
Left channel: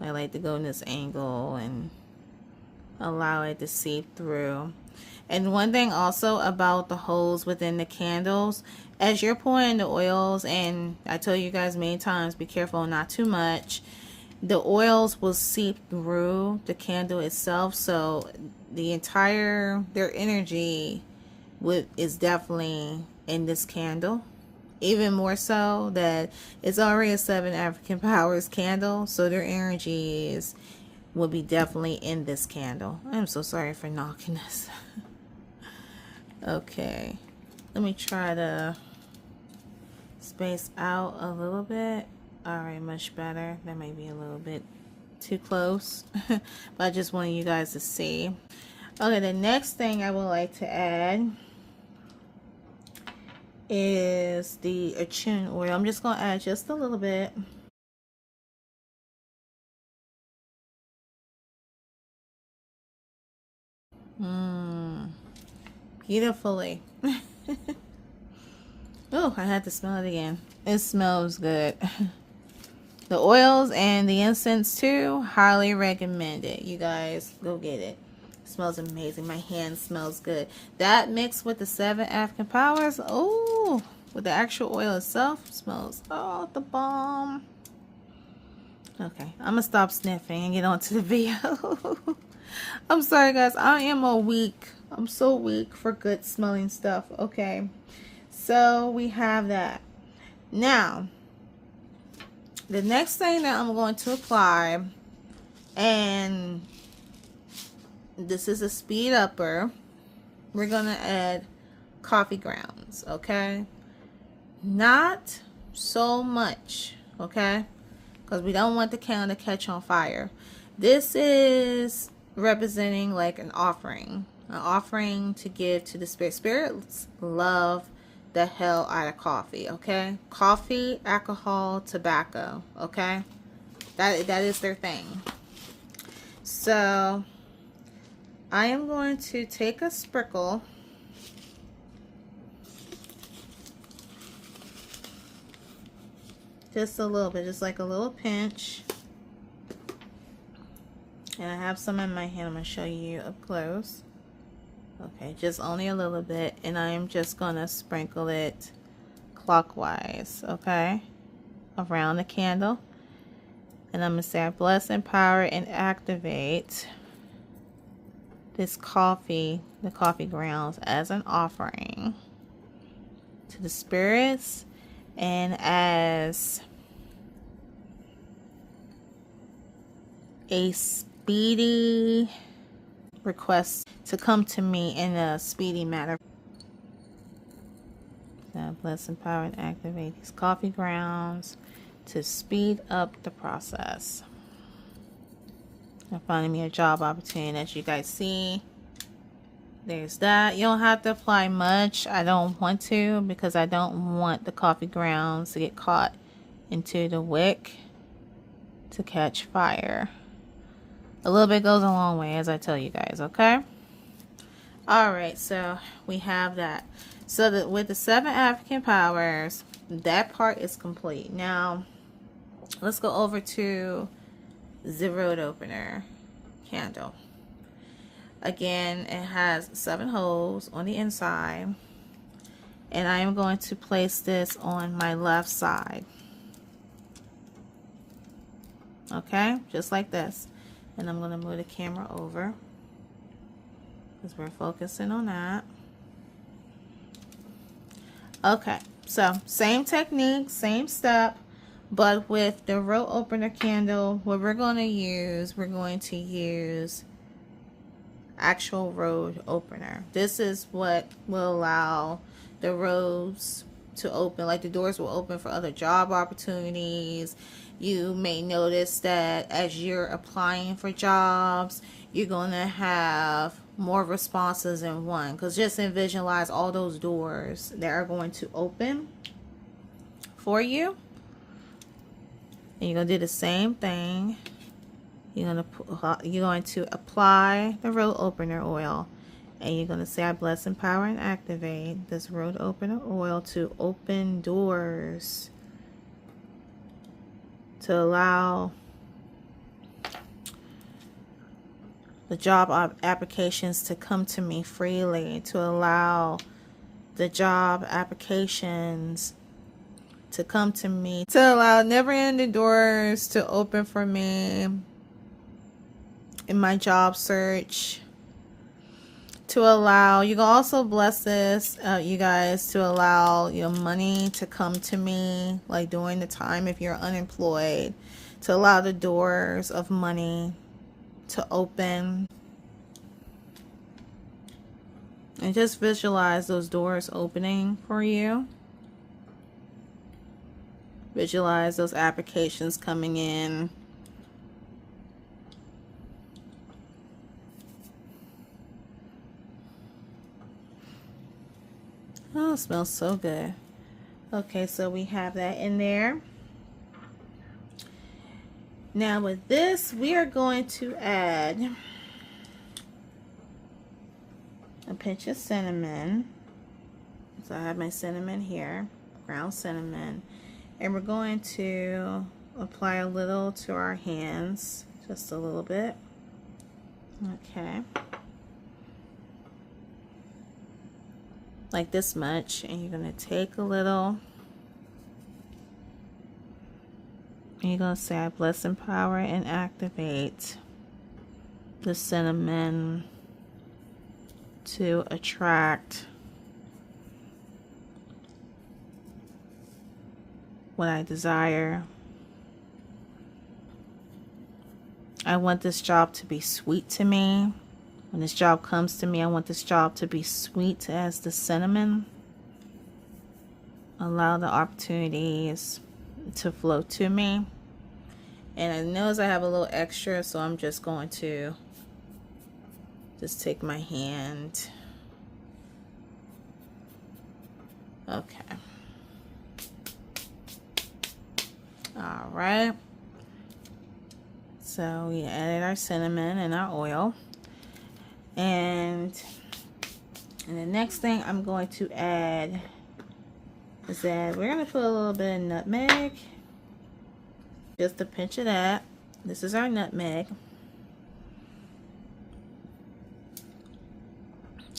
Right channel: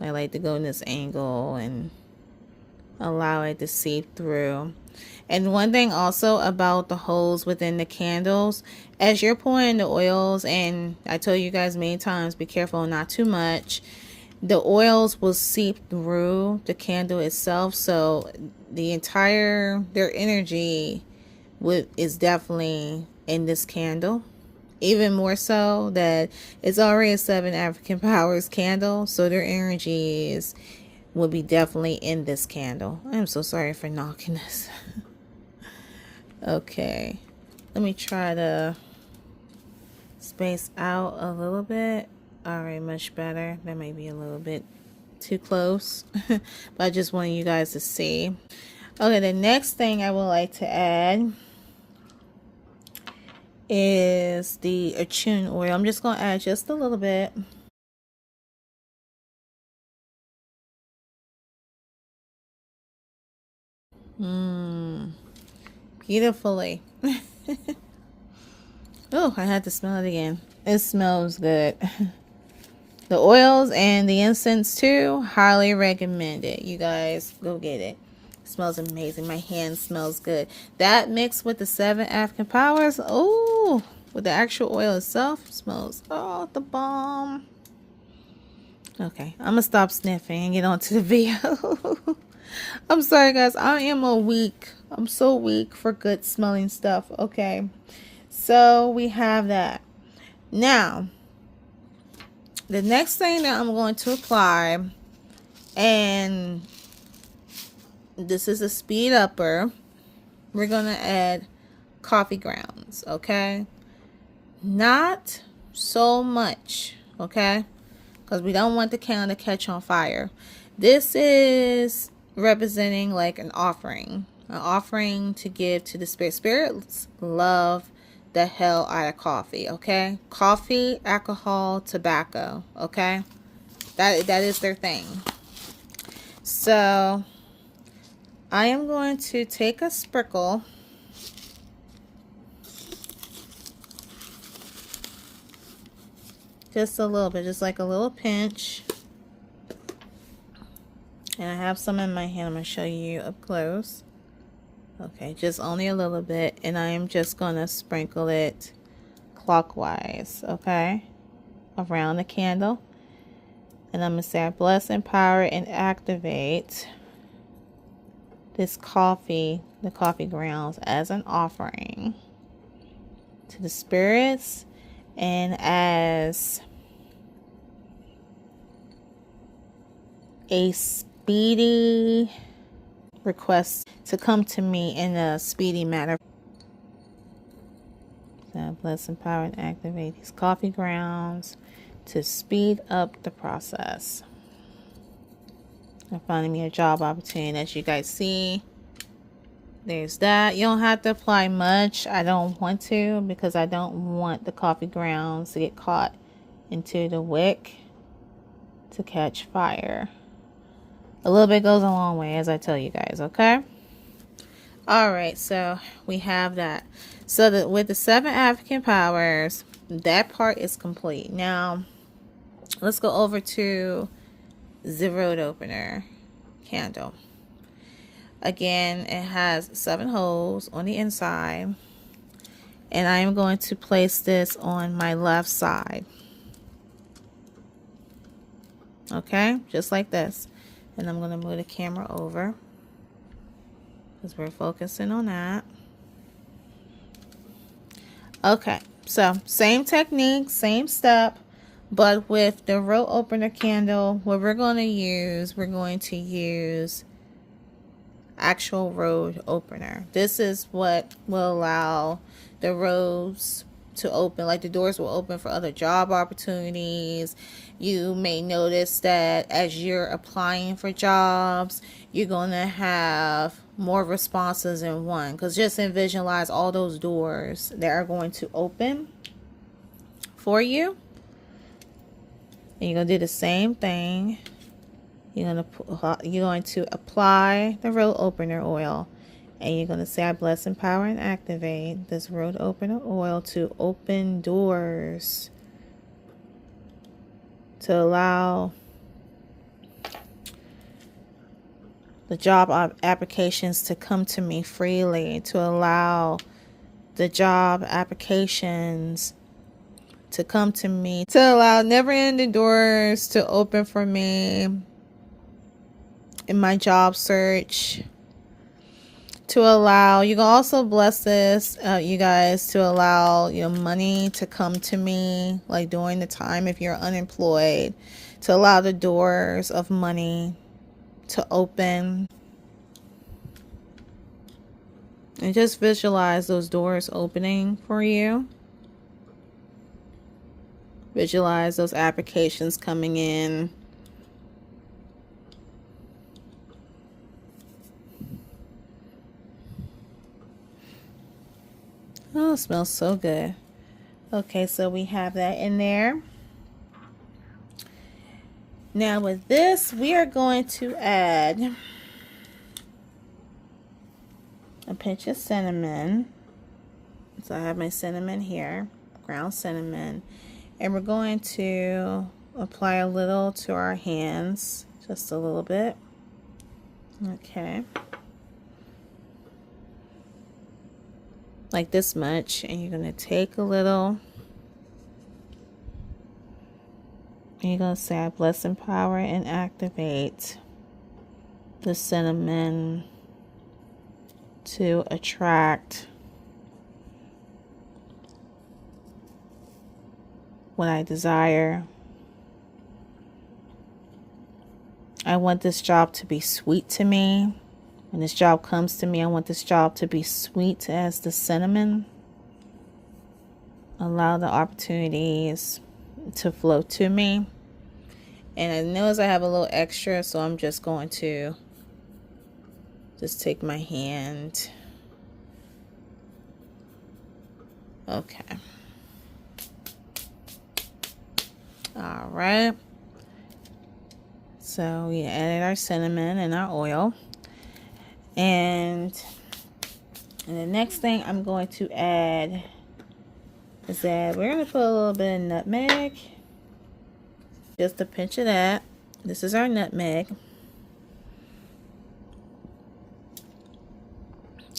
I like to go in this angle and allow it to seep through. And one thing also about the holes within the candles, as you're pouring the oils, and I told you guys many times, be careful, not too much. The oils will seep through the candle itself, so the entire, their energy is definitely in this candle. Even more so that it's already a 7 African Powers candle, so their energies will be definitely in this candle. I'm so sorry for knocking this. Okay, let me try to space out a little bit. Alright, much better. That may be a little bit too close, but I just wanted you guys to see. Okay, the next thing I would like to add is the attune oil. I'm just going to add just a little bit. Beautifully. Oh, I had to smell it again. It smells good. The oils and the incense too, highly recommend it. You guys go get it. It smells amazing. My hand smells good. That mixed with the 7 African Powers, oh, with the actual oil itself, smells the bomb. Okay, I'm gonna stop sniffing and get on to the video. I'm sorry guys, I'm so weak for good smelling stuff. Okay, so we have that. Now the next thing that I'm going to apply, and this is a speed upper, we're going to add coffee grounds, okay? Not so much, okay? Because we don't want the candle to catch on fire. This is representing like an offering to give to the spirit. Spirits love the hell out of coffee, okay? Coffee, alcohol, tobacco, okay? That is their thing. So I am going to take a sprinkle just a little bit, just like a little pinch. And I have some in my hand. I'm going to show you up close. Okay, just only a little bit. And I am just going to sprinkle it clockwise, okay, around the candle. And I'm going to say, I bless, empower, and activate this coffee, the coffee grounds, as an offering to the spirits and as a speedy request to come to me in a speedy manner. So bless, empower, and activate these coffee grounds to speed up the process. And finding me a job opportunity. As you guys see, there's that. You don't have to apply much. I don't want to, because I don't want the coffee grounds to get caught into the wick to catch fire. A little bit goes a long way, as I tell you guys, okay? Alright, so we have that. So that with the 7 African powers, that part is complete. Now, let's go over to the road opener candle. Again, it has 7 holes on the inside. And I am going to place this on my left side. Okay, just like this. And I'm going to move the camera over, because we're focusing on that. Okay, so same technique, same step, but with the road opener candle, what we're going to use actual road opener. This is what will allow the roads to open, like the doors will open for other job opportunities. You may notice that as you're applying for jobs, you're going to have more responses in one, because just visualize all those doors that are going to open for you. And you're going to do the same thing. You're going to apply the road opener oil, and you're going to say, I bless, empower, and activate this road opener oil to open doors, to allow the job applications to come to me freely, to allow the job applications to come to me, to allow never-ending doors to open for me in my job search, to allow, you can also bless this, you guys, to allow money to come to me, like during the time if you're unemployed, to allow the doors of money to open. And just visualize those doors opening for you. Visualize those applications coming in. Oh, it smells so good. Okay, so we have that in there. Now with this, we are going to add a pinch of cinnamon. So I have my cinnamon here, ground cinnamon. And we're going to apply a little to our hands, just a little bit. Okay. Like this much. And you're going to take a little. And you're going to say, I bless, empower, and activate the cinnamon to attract what I desire. I want this job to be sweet to me. When this job comes to me, I want this job to be sweet as the cinnamon. allow the opportunities to flow to me. And I notice I have a little extra, so I'm just going to just take my hand. Okay. All right. So we added our cinnamon and our oil. And the next thing I'm going to add is that we're going to put a little bit of nutmeg. Just a pinch of that. This is our nutmeg.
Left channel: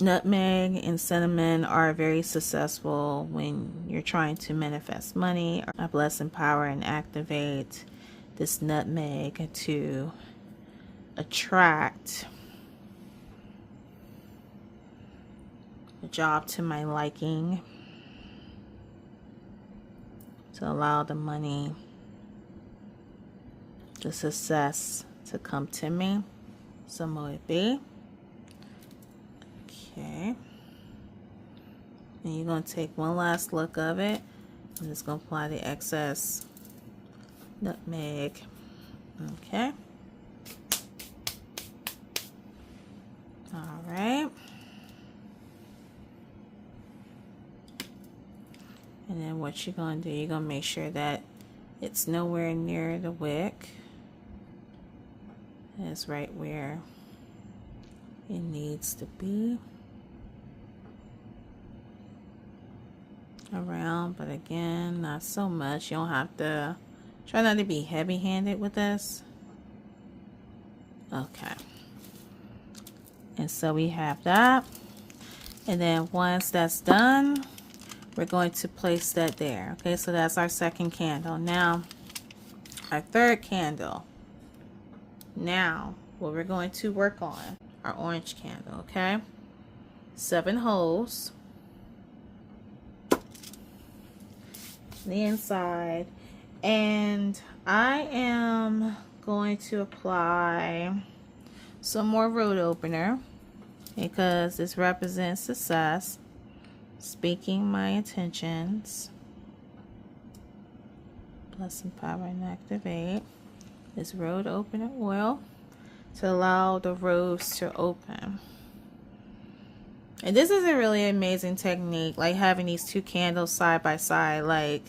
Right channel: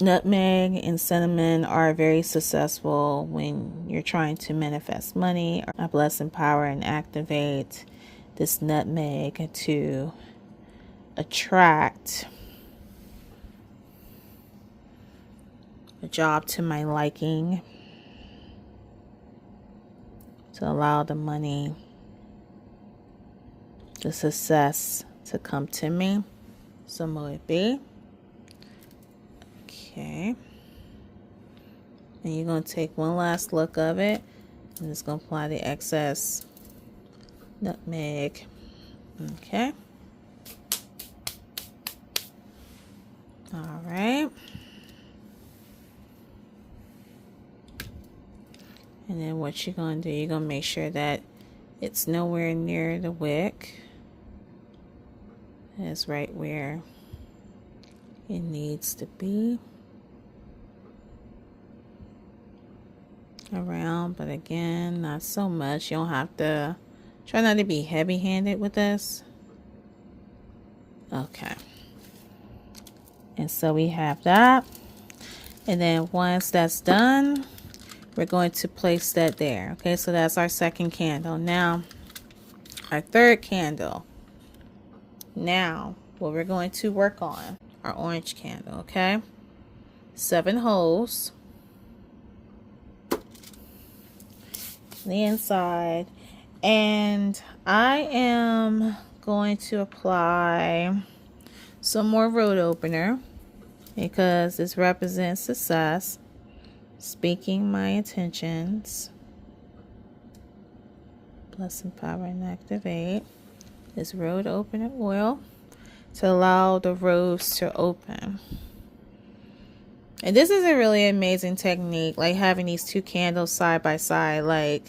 Nutmeg and cinnamon are very successful when you're trying to manifest money. I bless, empower, and activate this nutmeg to attract a job to my liking, to allow the money, the success to come to me. So will it be. Okay. And you're going to take one last look of it. I'm just going to apply the excess nutmeg. Okay. All right. And then what you're going to do, you're going to make sure that it's nowhere near the wick. It's right where it needs to be. Around, but again, not so much. You don't have to, try not to be heavy-handed with this. Okay. And so we have that. And then once that's done, we're going to place that there. Okay, so that's our second candle. Now, our third candle. Now, what we're going to work on, our orange candle, okay? 7 holes. The inside, and I am going to apply some more road opener because this represents success, speaking my intentions. Bless, empower, and activate this road opener oil to allow the roads to open. And this is a really amazing technique, like having these 2 candles side by side. Like,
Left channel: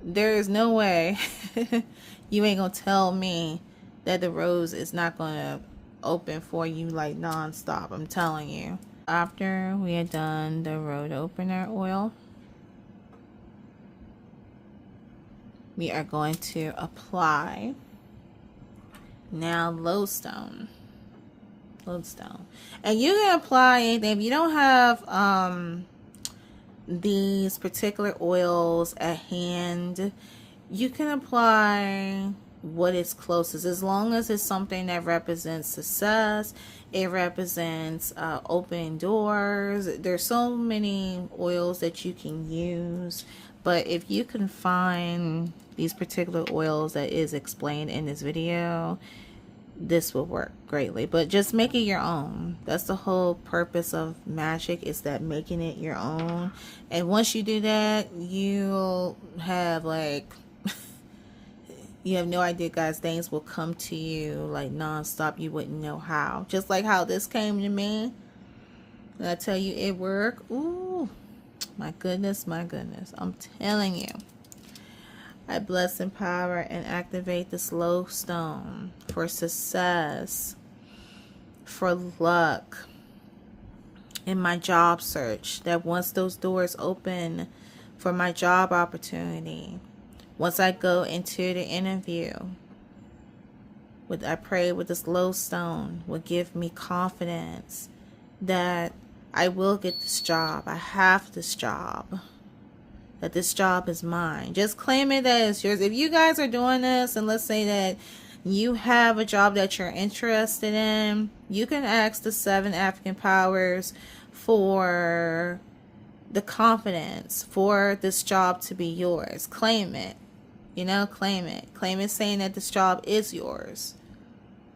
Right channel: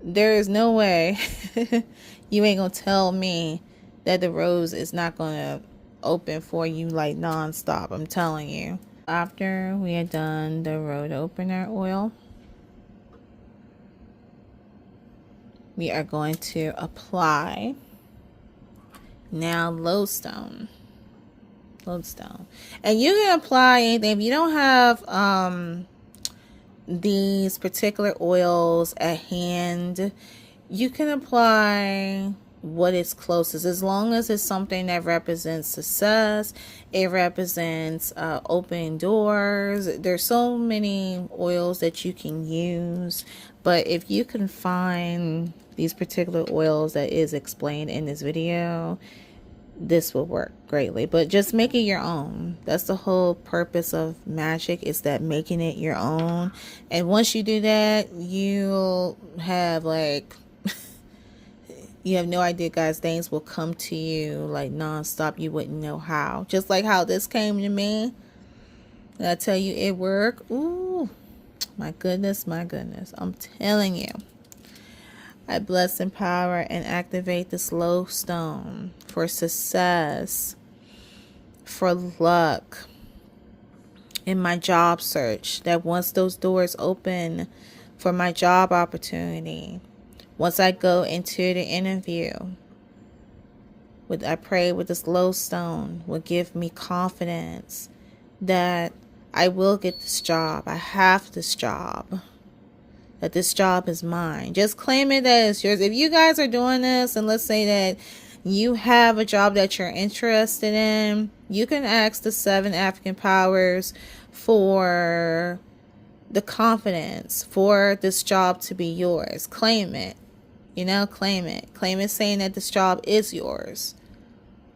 there is no way you ain't gonna tell me that the rose is not gonna open for you like non-stop. I'm telling you. After we are done the road opener oil, we are going to apply now lodestone. And you can apply anything. If you don't have these particular oils at hand, you can apply what is closest, as long as it's something that represents success. It represents open doors. There's so many oils that you can use, but if you can find these particular oils that is explained in this video, this will work greatly. But just make it your own. That's the whole purpose of magic, is that making it your own. And once you do that, you'll have like you have no idea, guys. Things will come to you like non-stop. You wouldn't know how. Just like how this came to me. And I tell you, it worked. Ooh, my goodness. I'm telling you. I bless, empower, and activate this lodestone for success, for luck in my job search. That once those doors open for my job opportunity, once I go into the interview, I pray with this lodestone will give me confidence that I will get this job. I have this job. That this job is mine. Just claim it that it's yours. If you guys are doing this, and let's say that you have a job that you're interested in, you can ask the 7 African powers for the confidence for this job to be yours. Claim it. You know, claim it. Claim it, saying that this job is yours.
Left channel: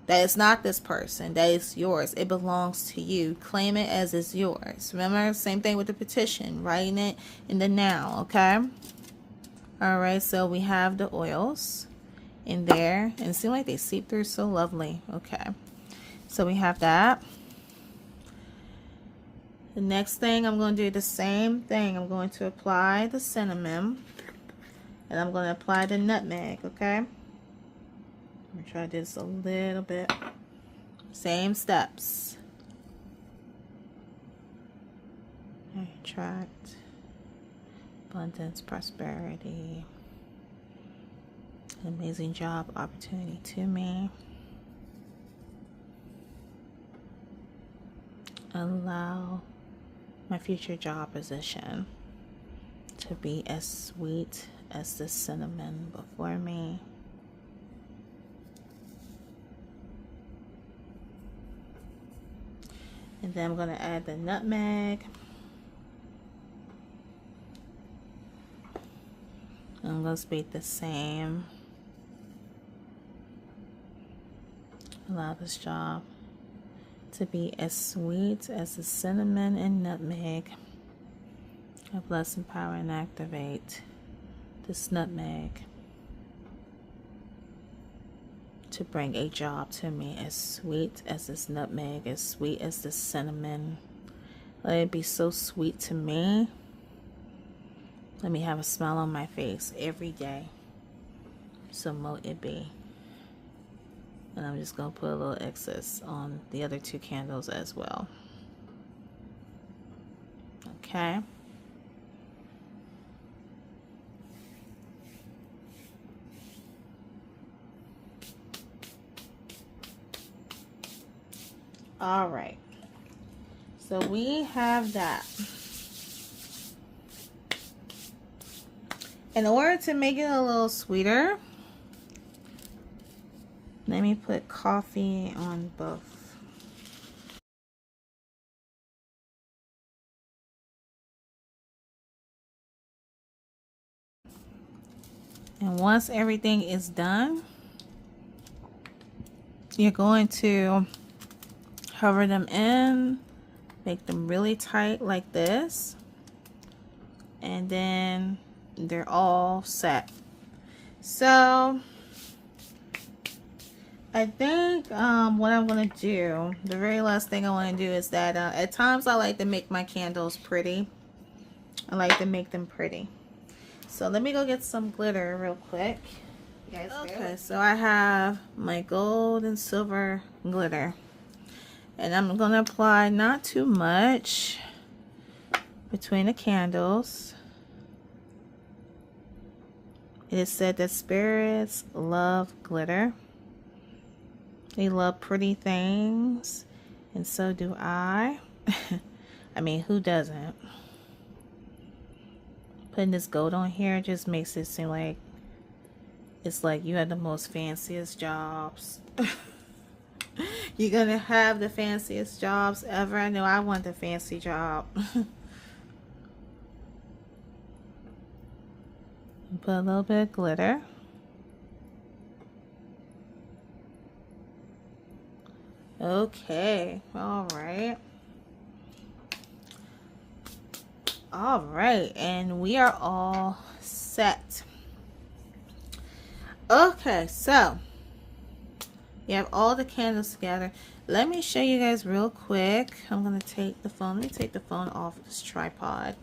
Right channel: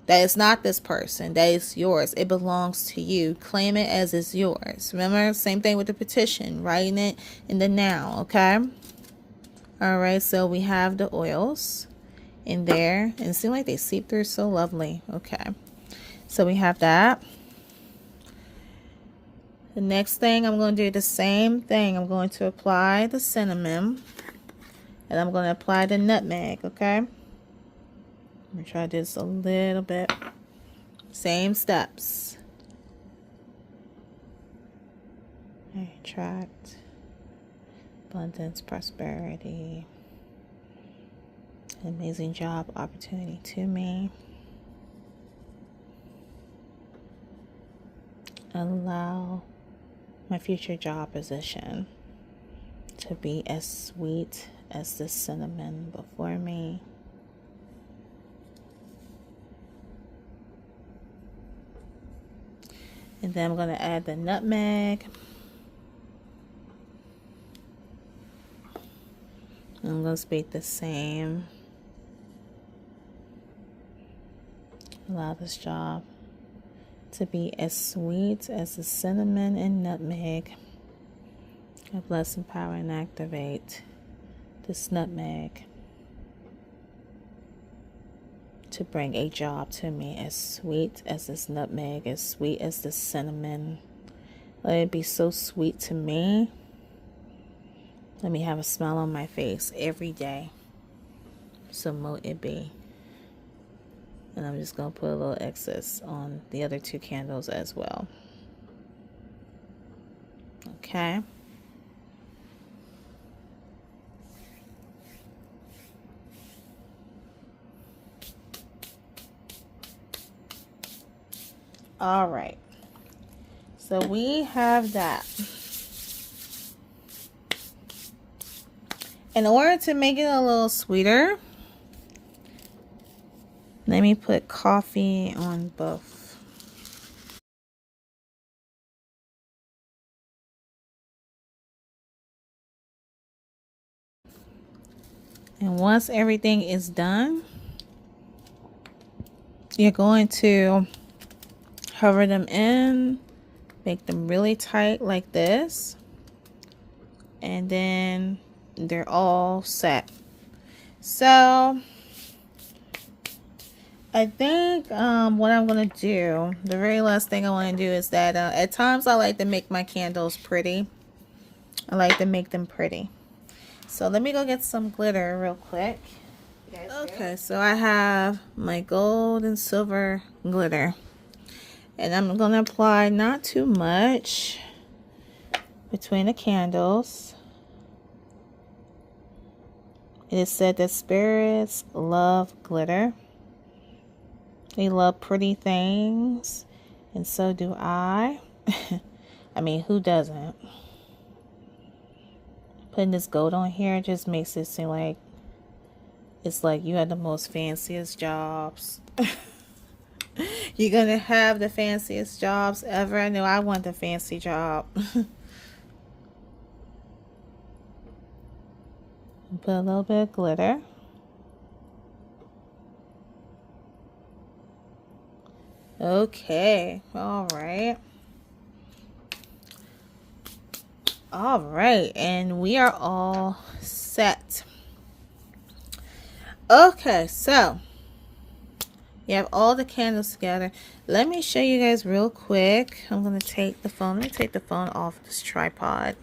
That is not this person. That is yours. It belongs to you. Claim it as it's yours. Remember, same thing with the petition. Writing it in the now, okay? All right, so we have the oils in there. And it seems like they seep through so lovely. Okay. So we have that. The next thing, I'm going to do the same thing. I'm going to apply the cinnamon. And I'm going to apply the nutmeg, okay? I'm going to try this a little bit. Same steps. Attract abundance, prosperity, an amazing job opportunity to me. Allow my future job position to be as sweet as the cinnamon before me. And then I'm going to add the nutmeg. I'm going to speak the same. Allow this job to be as sweet as the cinnamon and nutmeg. I bless, empower, and activate this nutmeg to bring a job to me as sweet as this nutmeg, as sweet as the cinnamon. Let it be so sweet to me. Let me have a smile on my face every day. So mote it be. And I'm just going to put a little excess on the other two candles as well. Okay. All right. So we have that. In order to make it a little sweeter, let me put coffee on both. And once everything is done, you're going to cover them in, make them really tight like this, and then they're all set. So I think what I'm going to do, the very last thing I want to do is that at times I like to make my candles pretty. I like to make them pretty. So let me go get some glitter real quick. Okay, so I have my gold and silver glitter. And I'm going to apply not too much between the candles. It is said that spirits love glitter. They love pretty things, and so do I. I mean, who doesn't? Putting this gold on here just makes it seem like it's like you have the most fanciest jobs. You're gonna have the fanciest jobs ever. I know I want the fancy job. Put a little bit of glitter. Okay, all right. All right, and we are all set. Okay, so you have all the candles together. Let me show you guys real quick. I'm going to take the phone. Let me take the phone off this tripod.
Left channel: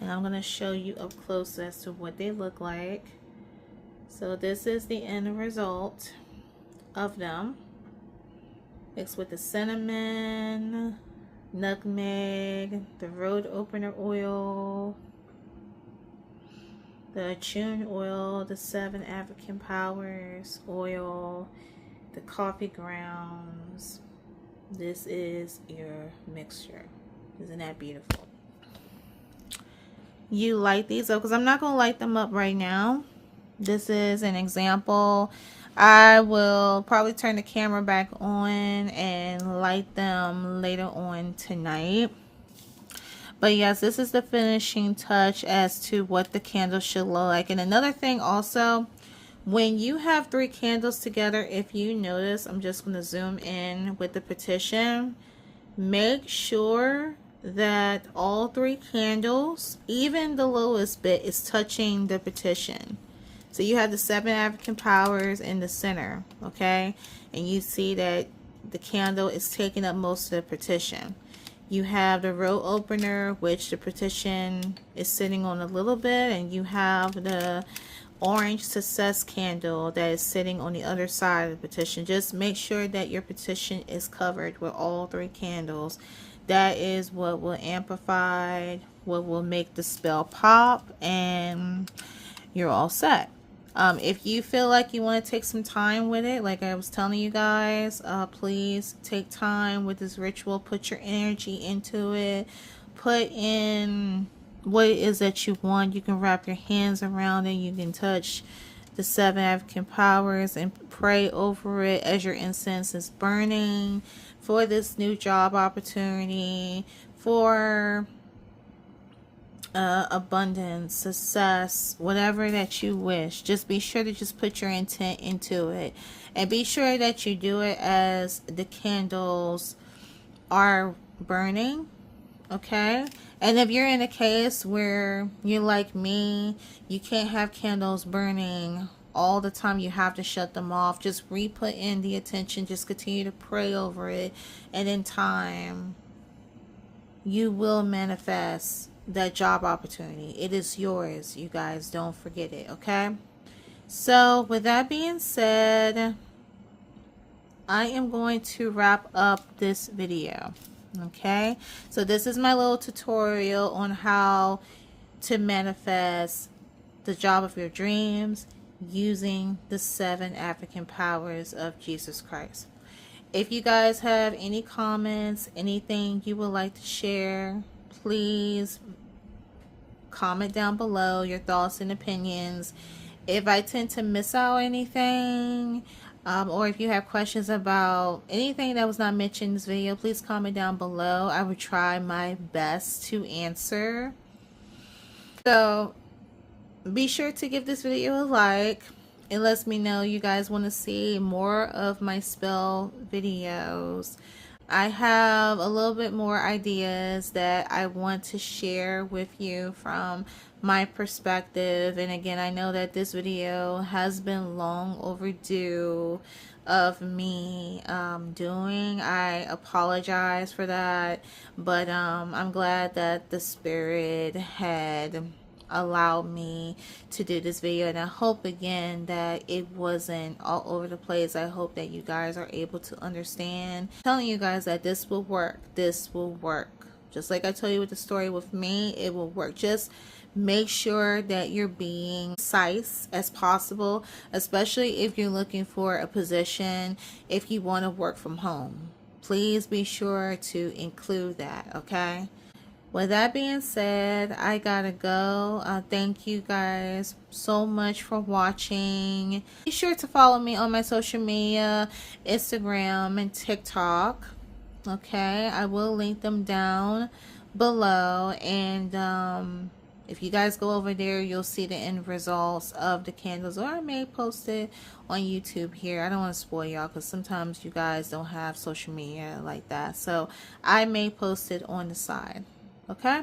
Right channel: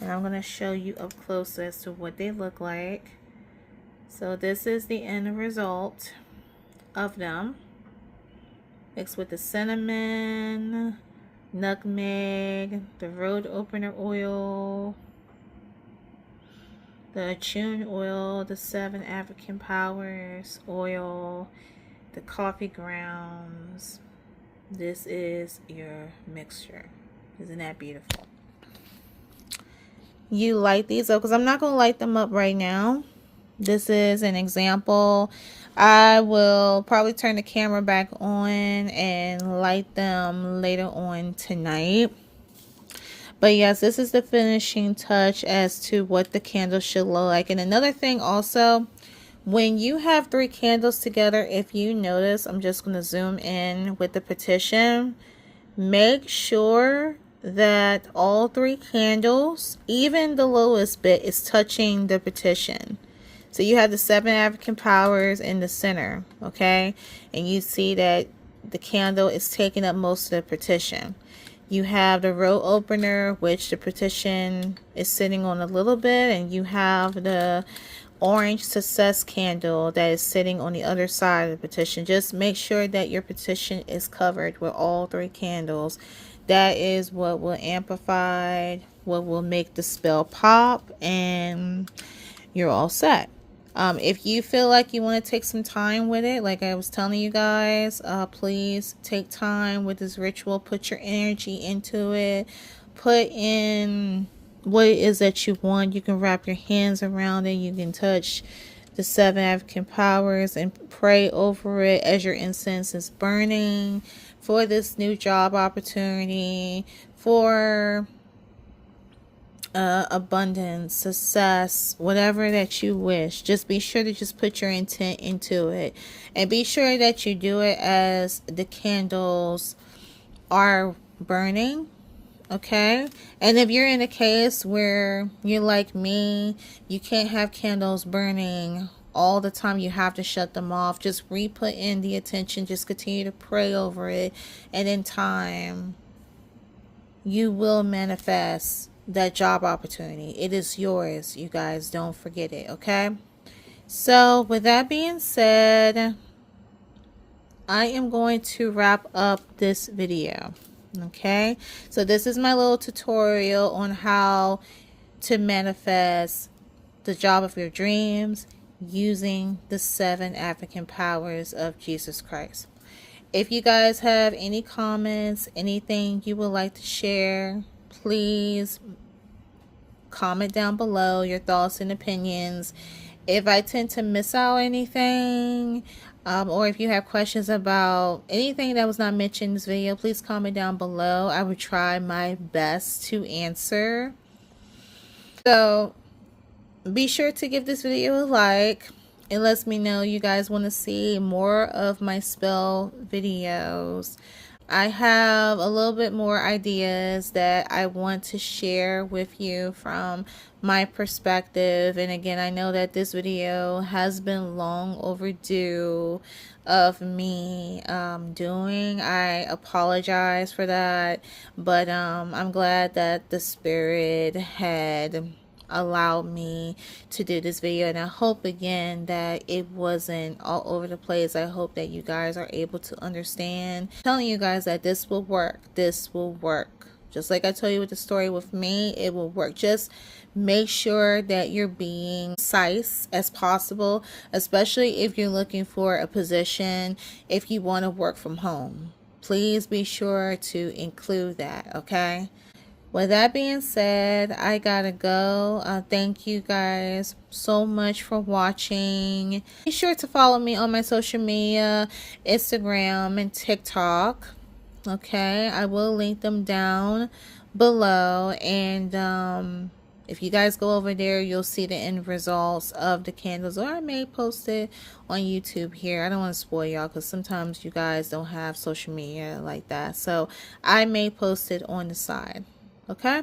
And I'm going to show you up close as to what they look like. So this is the end result of them. Mixed with the cinnamon, nutmeg, the road opener oil, the attune oil, the 7 African powers oil, the coffee grounds. This is your mixture. Isn't that beautiful? You light these up because I'm not going to light them up right now. This is an example. I will probably turn the camera back on and light them later on tonight. But yes, this is the finishing touch as to what the candle should look like. And another thing also, When you have 3 candles together, if you notice, I'm just going to zoom in with the petition. Make sure that all 3 candles, even the lowest bit, is touching the petition. So you have the 7 African powers in the center, okay? And you see that the candle is taking up most of the petition. You have the row opener, which the petition is sitting on a little bit, and you have the orange success candle that is sitting on the other side of the petition. Just make sure that your petition is covered with all 3 candles. That is what will amplify, what will make the spell pop, and you're all set. If you feel like you want to take some time with it, like I was telling you guys, please take time with this ritual. Put your energy into it. Put in what it is that you want. You can wrap your hands around it. You can touch the 7 African powers and pray over it as your incense is burning for this new job opportunity, for abundance, success, whatever that you wish. Just be sure to just put your intent into it, and be sure that you do it as the candles are burning. Okay, and if you're in a case where you're like me, you can't have candles burning all the time, you have to shut them off, just re-put in the attention, just continue to pray over it, and in time you will manifest that job opportunity. It is yours, you guys. Don't forget it, okay? So with that being said, I am going to wrap up this video. Okay, so this is my little tutorial on how to manifest the job of your dreams using the 7 African powers of Jesus Christ. If you guys have any comments, anything you would like to share, please comment down below your thoughts and opinions. If I tend to miss out anything, or if you have questions about anything that was not mentioned in this video, please comment down below. I will try my best to answer. So be sure to give this video a like. It lets me know you guys want to see more of my spell videos. I have a little bit more ideas that I want to share with you from my perspective. And again, I know that this video has been long overdue of me doing. I apologize for that, but I'm glad that the Spirit had allowed me to do this video, and I hope again that it wasn't all over the place. I hope that you guys are able to understand. I'm telling you guys that this will work. This will work. Just like I told you with the story with me, it will work. Just make sure that you're being concise as possible, especially if you're looking for a position, if you want to work from home. Please be sure to include that, okay? With that being said, I gotta go. Thank you guys so much for watching. Be sure to follow me on my social media, Instagram and TikTok. Okay, I will link them down below. And if you guys go over there, you'll see the end results of the candles. Or I may post it on YouTube here. I don't want to spoil y'all because sometimes you guys don't have social media like that. So I may post it on the side. Okay,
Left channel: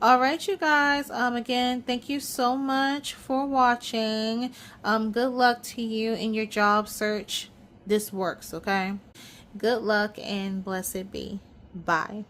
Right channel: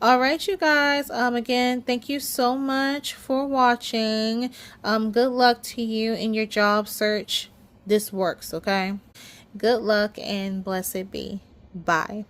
all right, you guys, again, thank you so much for watching. Good luck to you in your job search. This works, okay? Good luck and blessed be. Bye.